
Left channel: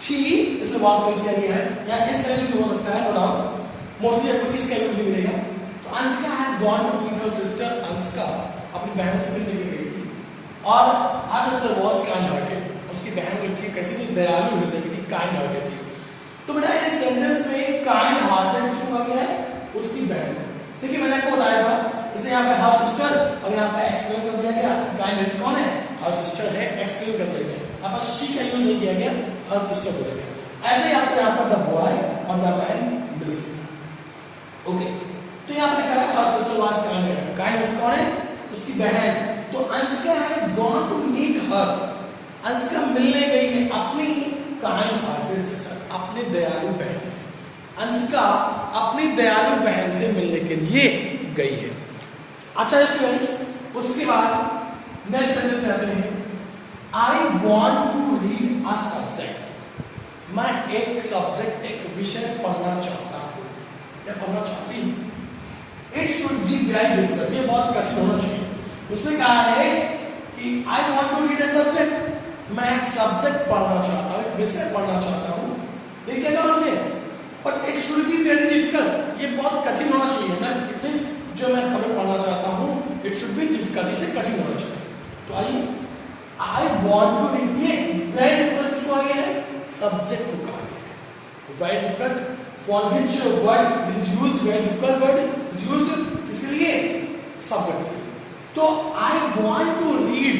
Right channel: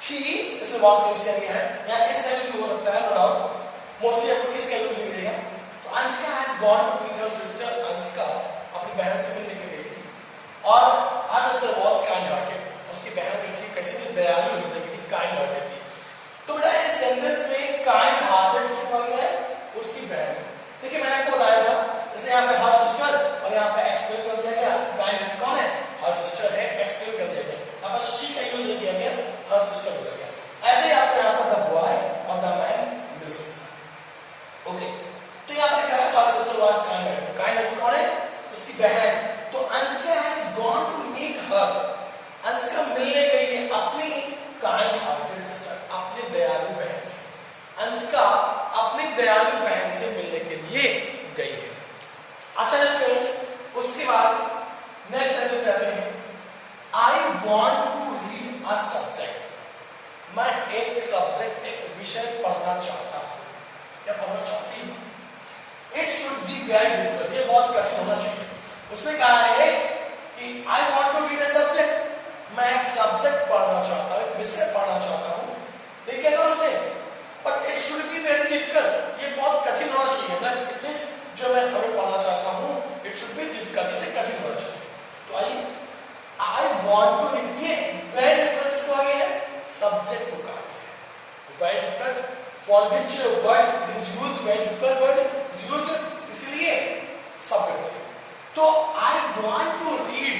थी, इसमें वॉज का यूज किया गया है, या इस का यूज भी हो सकता है, नो डाउट। मोस्टली आपको इसका यूज भी मिलेगा। तो Anshika has gone to meet her sister. Anshika अपनी बहन से मिलने के लिए गई थी और her sister was kind hearted. उसकी बहन जो थी कैसी थी? दयालु हृदय की, काइंड हार्टेड थी। तो बेटा इस सेंटेंस में काइंड हार्टेड किसको कहा गया है? उसकी बहन। देखिए मैंने आपको बताया था, जैसे यहाँ पे हर सिस्टर और यहाँ पे एक्सप्लेन कर दिया गया। काइंड कौन है? हर सिस्टर है, एक्सप्लेन कर दिया गया। यहाँ पर शी का यूज नहीं किया गया, हर सिस्टर बोला गया। ऐसे ही आपको यहाँ पर द बॉय और द मैन मिल सकता है। ओके, तो यहाँ पर लिखा है her sister was kind hearted. Kind hearted कौन है? उसकी बहन। तो Anshika has gone to meet her. Anshika मिलने गई है अपनी काइंड हार्टेड सिस्टर, अपनी दयालु बहन से। अंशिका अपनी दयालु बहन से मिलने के लिए गई है। अच्छा स्टूडेंट्स, उसके बाद नेक्स्ट सेंटेंस आते हैं। I want to read a subject. मैं एक सब्जेक्ट, एक विषय पढ़ना चाहता हूँ या पढ़ना चाहती हूँ। It should be very difficult. ये बहुत कठिन होना चाहिए। उसने कहा है कि I want to read a subject. मैं एक सब्जेक्ट पढ़ना चाहता हूँ, एक विषय पढ़ना चाहता हूँ। देखिएगा उसने, but it should be very difficult. ये बहुत कठिन होना चाहिए ना। इट मींस जो मैं सब्जेक्ट पढ़ना चाहता हूँ, इट शुड बी डिफिकल्ट, इसे कठिन होना चाहिए। तो आइए, आई वॉन्ट टू रीड, ये वेरी डिफिकल्ट किसको आ गया है? सब्जेक्ट को कहा गया है। Very difficult for which word is used, very difficult word is used, इसलिए सब्जेक्ट। तो I want to read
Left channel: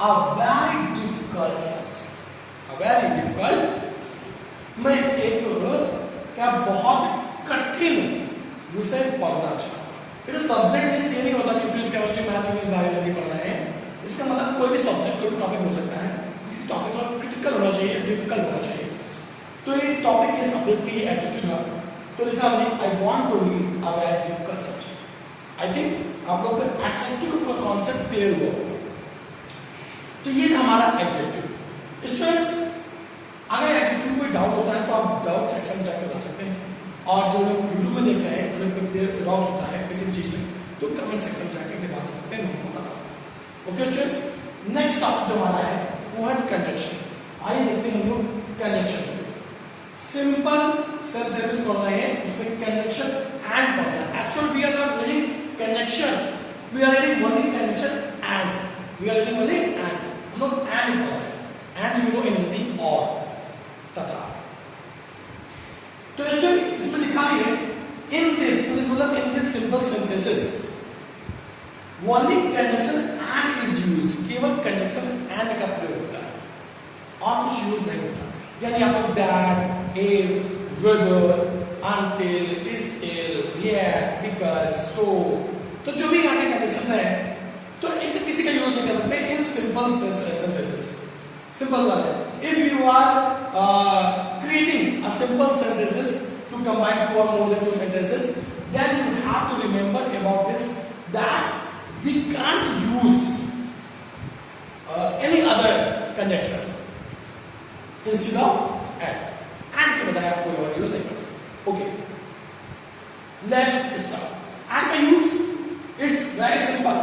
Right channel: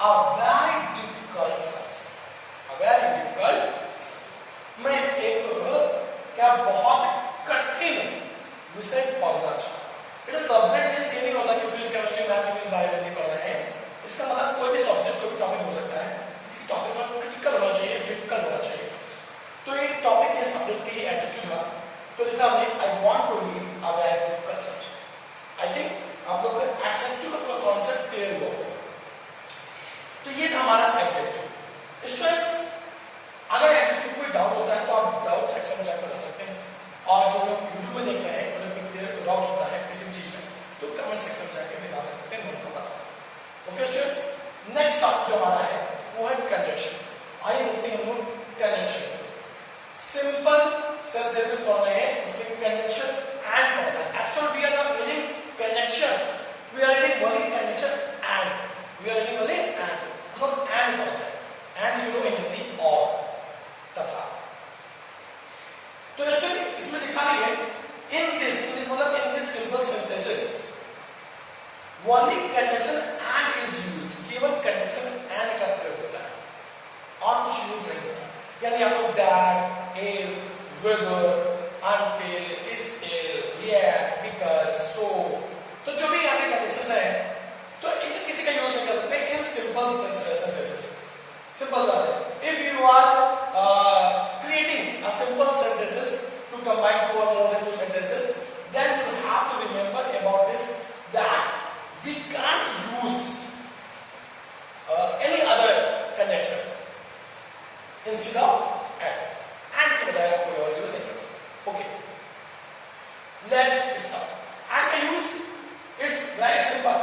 a very difficult subject. A very difficult, मैं एक क्या बहुत कठिन विषय पढ़ना चाहता हूँ। इट सब्जेक्ट में नहीं होता कि physics, chemistry, math, English, biology पढ़ रहे हैं। इसका मतलब कोई भी सब्जेक्ट, कोई भी टॉपिक हो सकता है। टॉपिक क्रिटिकल होना चाहिए, डिफिकल्ट होना चाहिए। तो ये टॉपिक के सब्जेक्ट की एटीट्यूड है। तो लिखा हमने I want to read a very difficult subject. I think आप लोग का एडजेक्टिव का कॉन्सेप्ट क्लियर हुआ होगा। तो ये था हमारा एडजेक्टिव। स्टूडेंट्स, अगर एडजेक्टिव कोई डाउट होता है तो आप डाउट सेक्शन में जाकर बता सकते हैं। और जो लोग यूट्यूब में देख रहे हैं, उन्हें क्लियर डाउट होता है किसी चीज में, तो कमेंट सेक्शन में जाकर भी बता सकते हैं, उनको बता। ओके स्टूडेंट्स, नेक्स्ट टॉपिक जो हमारा है वो है कंजंक्शन। आइए देखते हैं हम लोग कंजंक्शन। सिंपल सेंटेंसेस पढ़ रहे हैं, उसमें कंजंक्शन एंड पढ़ना है। Actually we are not reading conjunction, we are reading only conjunction and. We are reading only and. हम लोग एंड पढ़ रहे हैं। And you know in Hindi और, तथा। तो इसमें लिखा भी है इन दिस मतलब in this simple sentences only conjunction and is used. केवल कंजंक्शन एंड का प्रयोग होता है और कुछ यूज नहीं होता। यानी आपको that, if, whether, until, still, yet, because, so, तो जो भी यहाँ पे कंडीशंस है, तो किसी का यूज नहीं कर सकते इन सिंपल सेंटेंसेस। सिंपल बात है। If you are creating a simple sentences to combine two or more than two sentences, then you have to remember about this that we can't use any other conjunction instead of and के बजाय आप कोई और use नहीं कर सकते। Okay, let's start. and the use it's very simple।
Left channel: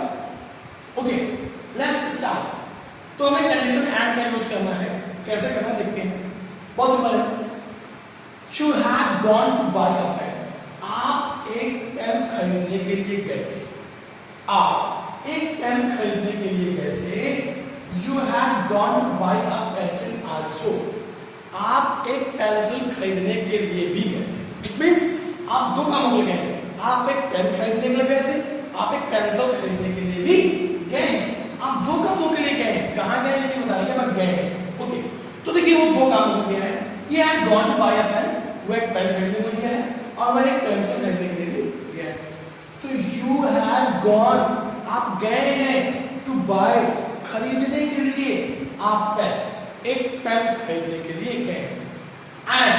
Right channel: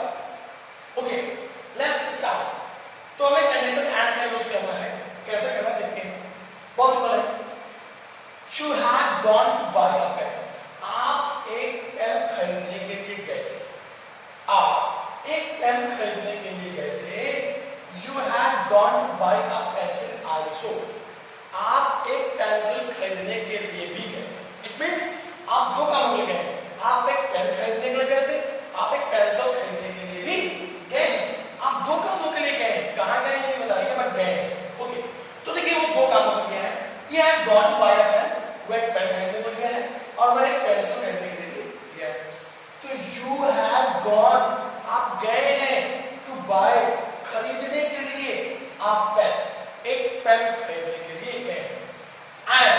Okay, let's start. तो हमें कंडीशन एंड का यूज करना है। कैसे करना देखते हैं। बहुत सिंपल है। You have gone to buy a pen। आप एक पेन खरीदने के लिए गए थे। आप एक पेन खरीदने के लिए गए थे। You have gone to buy a pencil also। आप एक पेंसिल खरीदने के लिए भी गए थे। इट मीन्स आप दो कामों के लिए गए। आप एक पेन खरीदने के लिए गए थे, आप एक पेंसिल खरीदने के लिए भी गए हैं। आप दो कामों के लिए गए। कहाँ गए हैं ये बताइएगा, मैं गए। ओके, तो देखिए वो दो कामों के लिए गए हैं। He had gone to buy a pen, वो एक पेन खरीदने के लिए गया है और वह एक पेंसिल खरीदने के लिए भी गया है। तो you had gone, आप गए हैं, to buy, खरीदने के लिए, आप पेन, एक पेन खरीदने के लिए गए। एंड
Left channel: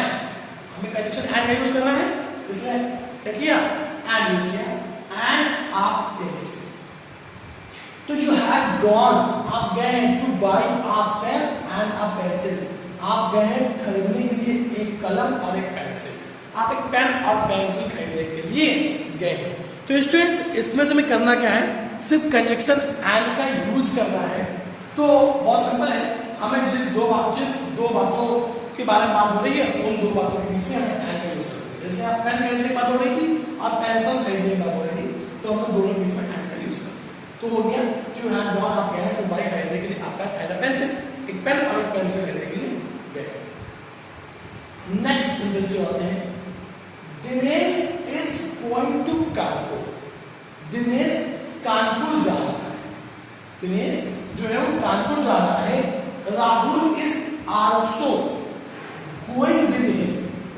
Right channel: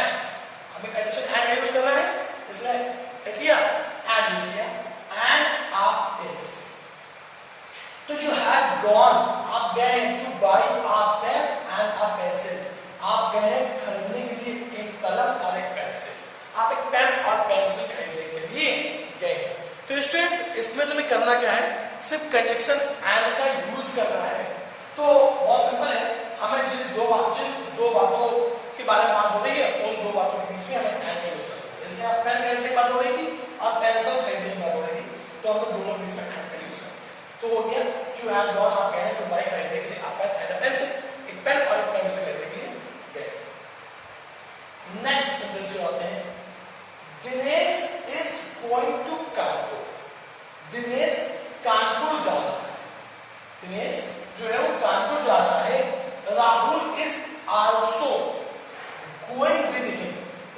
हमें कंडीशन एंड यूज करना है, इसलिए क्या किया, एंड यूज किया, एंड आ पेंसिल। तो यू हैव गॉन, आप गए हैं to buy a pen and a pencil, आप गए हैं खरीदने के लिए एक कलम और एक पेंसिल, आप एक पेन और पेंसिल खरीदने के लिए गए हैं। तो स्टूडेंट्स इसमें से करना क्या है, सिर्फ कंजक्शन एंड का यूज करना है। तो बहुत सिंपल है, हमें जिस दो बातों के बारे में बात हो रही है उन दो बातों के बीच में हमें एंड का यूज करना है। जैसे आप पेन खरीदने की बात हो रही थी और पेंसिल खरीदने की बात हो रही थी, तो हम दोनों के बीच में एंड का यूज करते हैं। तो हो गया यू हैव गॉन, आप गए हैं टू बाई खरीदने के लिए आप पेन एंड पेंसिल, एक पेन और एक पेंसिल खरीदने के लिए गए। नेक्स्ट सेंटेंस जो आते हैं, Dinesh is going to Kanpur, Dinesh Kanpur जा रहा है, दिनेश जो है वो कानपुर जा रहा है। Rahul is also going with him,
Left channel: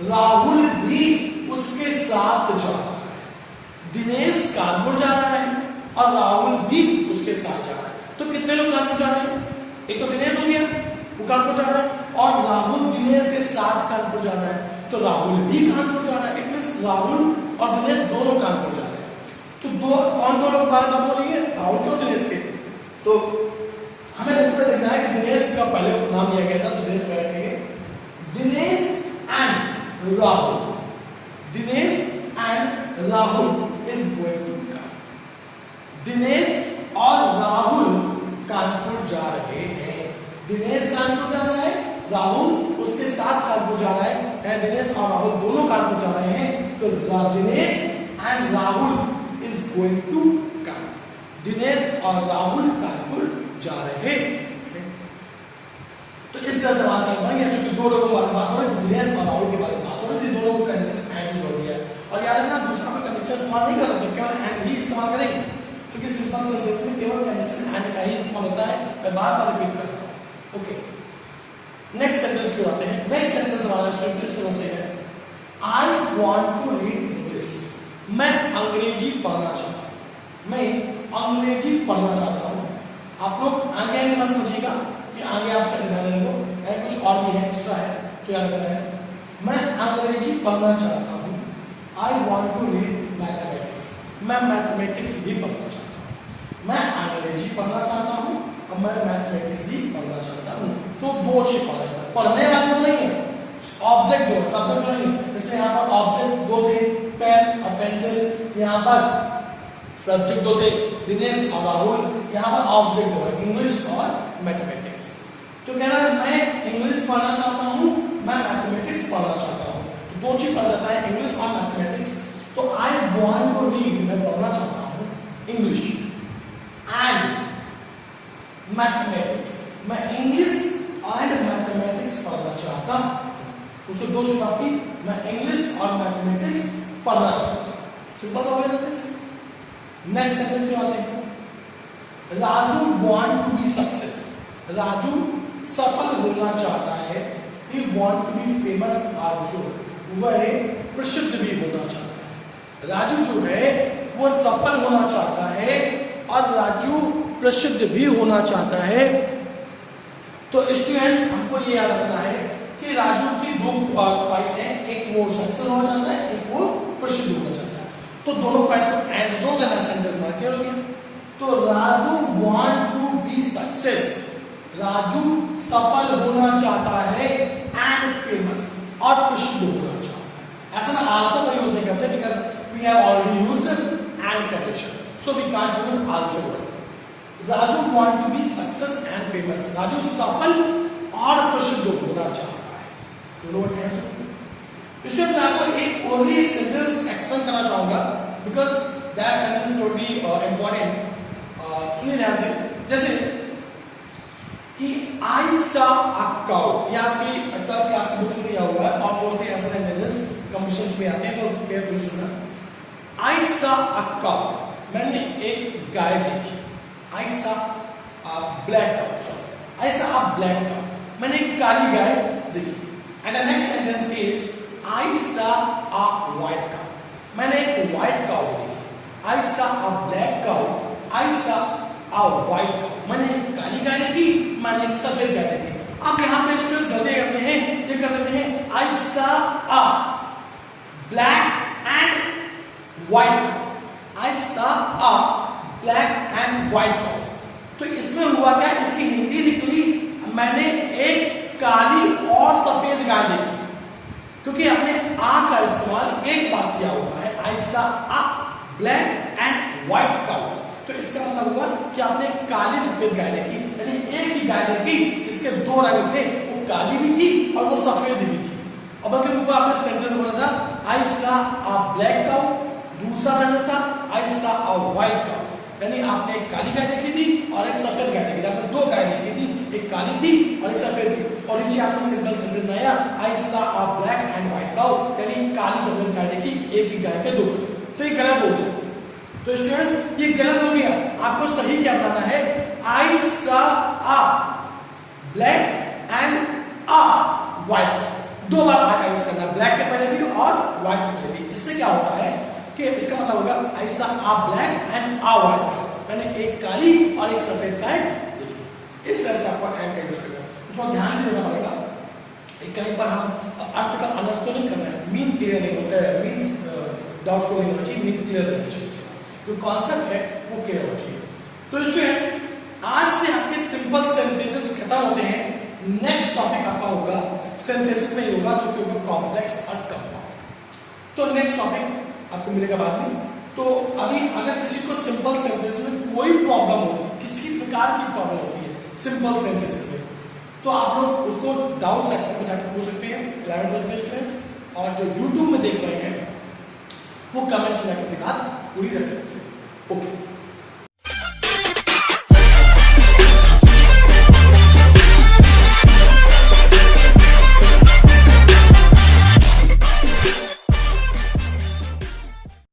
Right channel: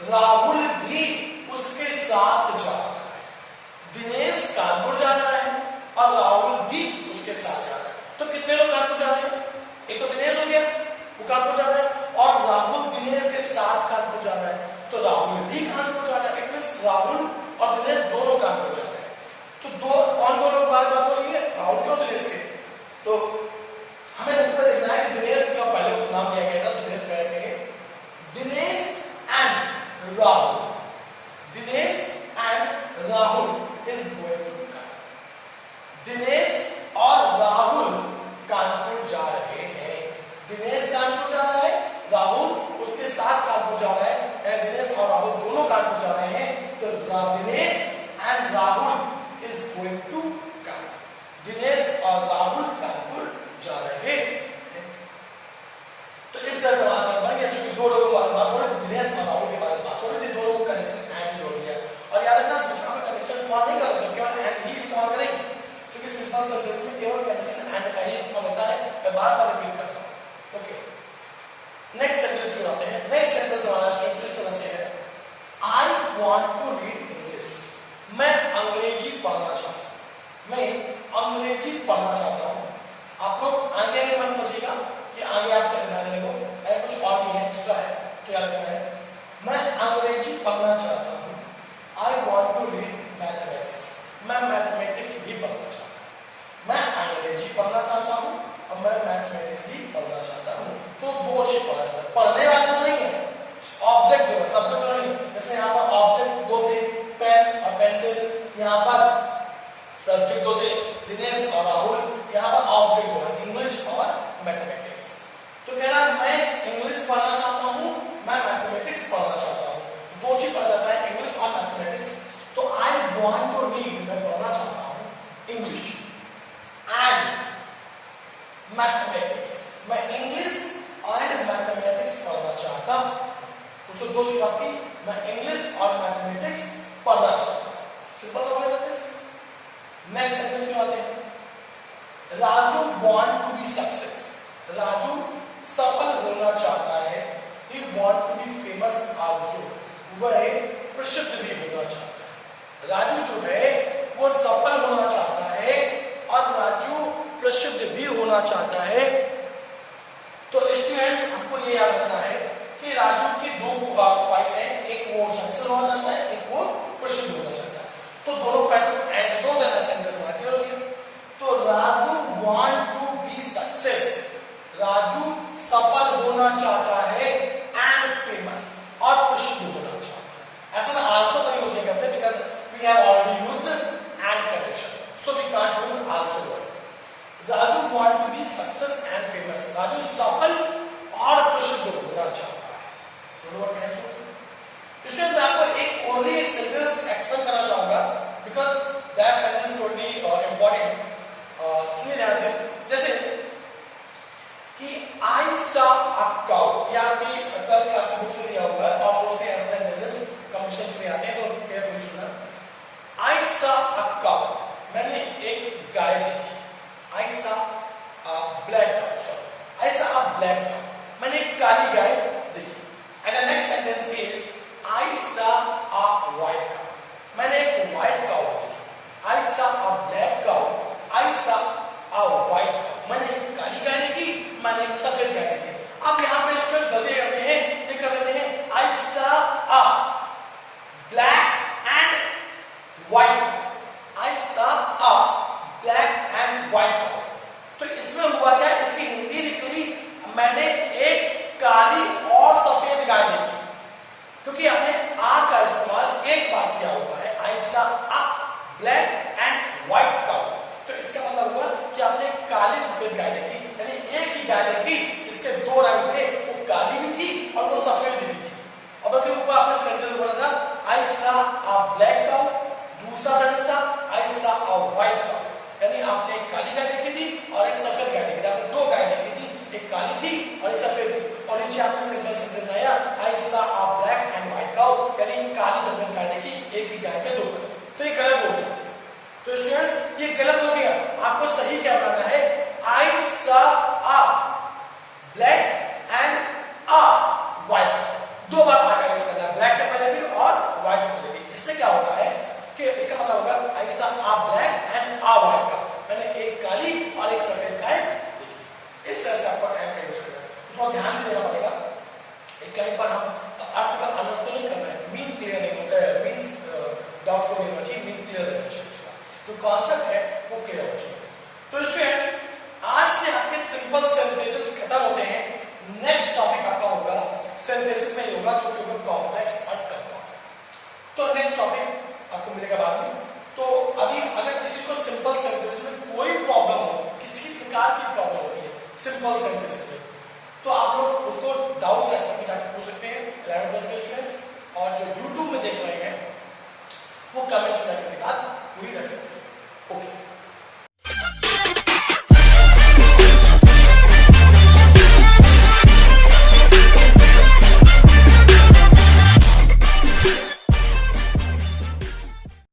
Rahul भी उसके साथ जा रहा है। दिनेश कानपुर जा रहा है और राहुल भी उसके साथ जा रहा है। तो कितने लोग कानपुर जा रहे हैं, एक तो दिनेश हो गया वो कानपुर जा रहा है, और राहुल दिनेश के साथ कानपुर जा रहा है, तो राहुल भी कानपुर जा रहा है। राहुल और दिनेश दोनों कानपुर जा रहे हैं। तो कौन दो लोग बात हो रही है, राहुल के और दिनेश के। तो हमें दूसरा देखना है कि दिनेश का पहले नाम लिया गया था, तो दिनेश पहले कहेंगे Dinesh and Rahul, Dinesh and Rahul is going to Kanpur, Dinesh और राहुल कानपुर जा रहे हैं। दिनेश कानपुर जा रहा है, राहुल उसके साथ कानपुर जा रहा है, दिनेश और राहुल दोनों कानपुर जा रहे हैं। तो Dinesh and Rahul is going to Kanpur, Dinesh और राहुल कानपुर जा रहे हैं। तो इस तरह से वहां से बन गया, क्योंकि दो लोगों के बारे में बात हो रही थी, दिनेश और राहुल के बारे में बात हो रही थी, दोनों को कंडीशन एंड हो गया। और याद रखना दूसरा का कंडीशन इस्तेमाल नहीं कर सकते, केवल एंड ही इस्तेमाल करेंगे, क्योंकि सिंपल सेंटेंस में केवल कंडीशन एंड का ही इस्तेमाल होता है। मैं बार बार रिपीट करता हूं। ओके, नेक्स्ट सेंटेंस की बात है। नेक्स्ट सेंटेंस हमारा स्टूडेंट इस तरह से है, I want to read English, मैं अंग्रेजी पढ़ना चाहता हूं, मैं अंग्रेजी पढ़ना चाहता हूं। आप लोग आगे आगे मत समझिएगा कि आगे आप संविधान देने को है, कुछ और भी है, एक्स्ट्रा है, क्या करना है, मैं अंग्रेजी पढ़ना चाहता हूं। I want to read mathematics, मैं मैथमेटिक्स भी पढ़ना चाहता हूं। मैं अंग्रेजी पढ़ना चाहता हूं और मैं मैथमेटिक्स भी पढ़ना चाहता हूं। तो दो चीज पढ़ेगा, पढ़ने वाले तो नहीं है, ऑब्जेक्ट दो, सब्जेक्ट नहीं। जैसे यहाँ पर ऑब्जेक्ट दो थे, पेन और पेंसिल, यहाँ पर सब्जेक्ट दो थे, दिनेश और राहुल, यहाँ पर ऑब्जेक्ट दो है, इंग्लिश और मैथमेटिक्स। तो कह रहा है मैं इंग्लिश पढ़ना चाहता हूँ, मैं मैथमेटिक्स पढ़ना चाहता हूँ। दो चीज पढ़ जाता है, इंग्लिश और मैथमेटिक्स। तो आई वॉन्ट टू रीड, मैं पढ़ना चाहता हूँ इंग्लिश एंड मैथमेटिक्स, मैं इंग्लिश एंड मैथमेटिक्स पढ़ना चाहता हूं। उसको दो शुरुआत की, मैं इंग्लिश और मैथमेटिक्स पढ़ना चाहता हूं। सिंपल हो गया सेंटेंस। नेक्स्ट सेंटेंस में आते हैं, Raju want to be success, Raju सफल होना चाहता है। He want to be famous also, वह प्रसिद्ध भी होना चाहता है। राजू जो है वो सफल होना चाहता है और राजू प्रसिद्ध भी होना चाहता है। तो स्टूडेंट्स हमको ये याद रखना है कि राजू की दो ख्वाहिश है, एक वो सक्सेस होना चाहता है, एक वो प्रसिद्ध होना चाहता है। तो दोनों ख्वाहिश को एंड दो देना सेंटेंस में क्यों नहीं? तो Raju want to be success, Raju सफल होना चाहता है एंड फेमस और प्रसिद्ध होना चाहता है। ऐसा ना आल्सो का यूज नहीं करते because we have already used and conjunction, so we can't use also word. Raju want to be success and famous, Raju सफल और प्रसिद्ध होना चाहता है। दोनों वर्ड हैं। इसमें मैं आपको एक ओनली एक सेंटेंस एक्सप्लेन करना चाहूंगा because that sentence would be important. सुनिए ध्यान से, जैसे कि आई सा अ काउ, ये आपकी 12th क्लास की बुक्स में दिया हुआ है और मोस्टली ऐसे सेंटेंसेस कंपटीशंस में आते हैं, तो केयरफुली सुनना। आई सा अ काउ, मैंने एक गाय देखी। आई सा अ ब्लैक काउ, सॉरी आई सा अ ब्लैक काउ, मैंने एक काली गाय देखी। And the next sentence is I सा अ व्हाइट काउ, मैंने एक व्हाइट काउ देखी। आई सा अ ब्लैक काउ, आई सा अ व्हाइट काउ, मैंने एक काली गाय देखी, मैंने एक सफेद गाय देखी। अब यहाँ पे स्टूडेंट्स गलती करते हैं, ये कर देते हैं आई सा अ black and white cow. I saw a black and white cow. तो इसमें हुआ क्या, इसकी हिंदी निकली मैंने एक काली और सफेद गाय देखी, क्योंकि हमने आ का इस्तेमाल एक बार किया हुआ है. I saw a black and white cow. तो इसका मतलब हुआ कि आपने काली सफेद गाय देखी, यानी एक ही गाय देखी इसके दो रंग थे, वो काली भी थी और वो सफेद भी थी. अब अगर ऊपर आपने सेंटेंस बोला था I saw a black cow, दूसरा सेंटेंस था I saw a white cow, यानी आपने एक काली गाय देखी थी और एक सफेद गाय देखी थी. आपने दो गाय देखी थी, एक काली थी और एक सफेद थी. और नीचे आपने सिंगल सेंटेंस आया I saw a black and white cow, यानी काली सफेद गाय देखी, एक ही गाय के दो कलर. तो ये गलत हो गया. तो स्टूडेंट्स ये गलत हो गया. आपको सही क्या बनाना है, I saw a black and a white cow. दो बार आ का यूज करना, ब्लैक के पहले भी और व्हाइट के पहले भी. इससे क्या होता है कि इसका मतलब होगा I saw a black and a white cow, मैंने एक काली और एक सफेद गाय देखी. इस तरह से आपको एंड यूज करना है. इसको ध्यान देना पड़ेगा. कहीं पर हम अर्थ का अलग तो नहीं करना है, मीन क्लियर नहीं होता है, मीन्स डाउटफुल नहीं होना चाहिए, मीन क्लियर रहना चाहिए. जो कॉन्सेप्ट है वो क्लियर होना चाहिए. तो स्टूडेंट आज से आपके सिंपल सेंटेंसेस खत्म होते हैं. नेक्स्ट टॉपिक आपका होगा सेंटेंसेस में होगा जो कि होगा कॉम्प्लेक्स और कंपाउंड. तो नेक्स्ट टॉपिक आपको मिलेगा बाद में. तो अभी अगर किसी को सिंपल सेंटेंसेस में कोई प्रॉब्लम होगी, किसी प्रकार की प्रॉब्लम होती है सिंपल सेंटेंसेस में, तो आप लोग उसको डाउट सेक्शन में जाकर पूछ सकते हैं 11th स्टूडेंट्स. और जो यूट्यूब में देख रहे हैं वो कमेंट्स में जाकर बात पूरी रख सकते हैं. ओके.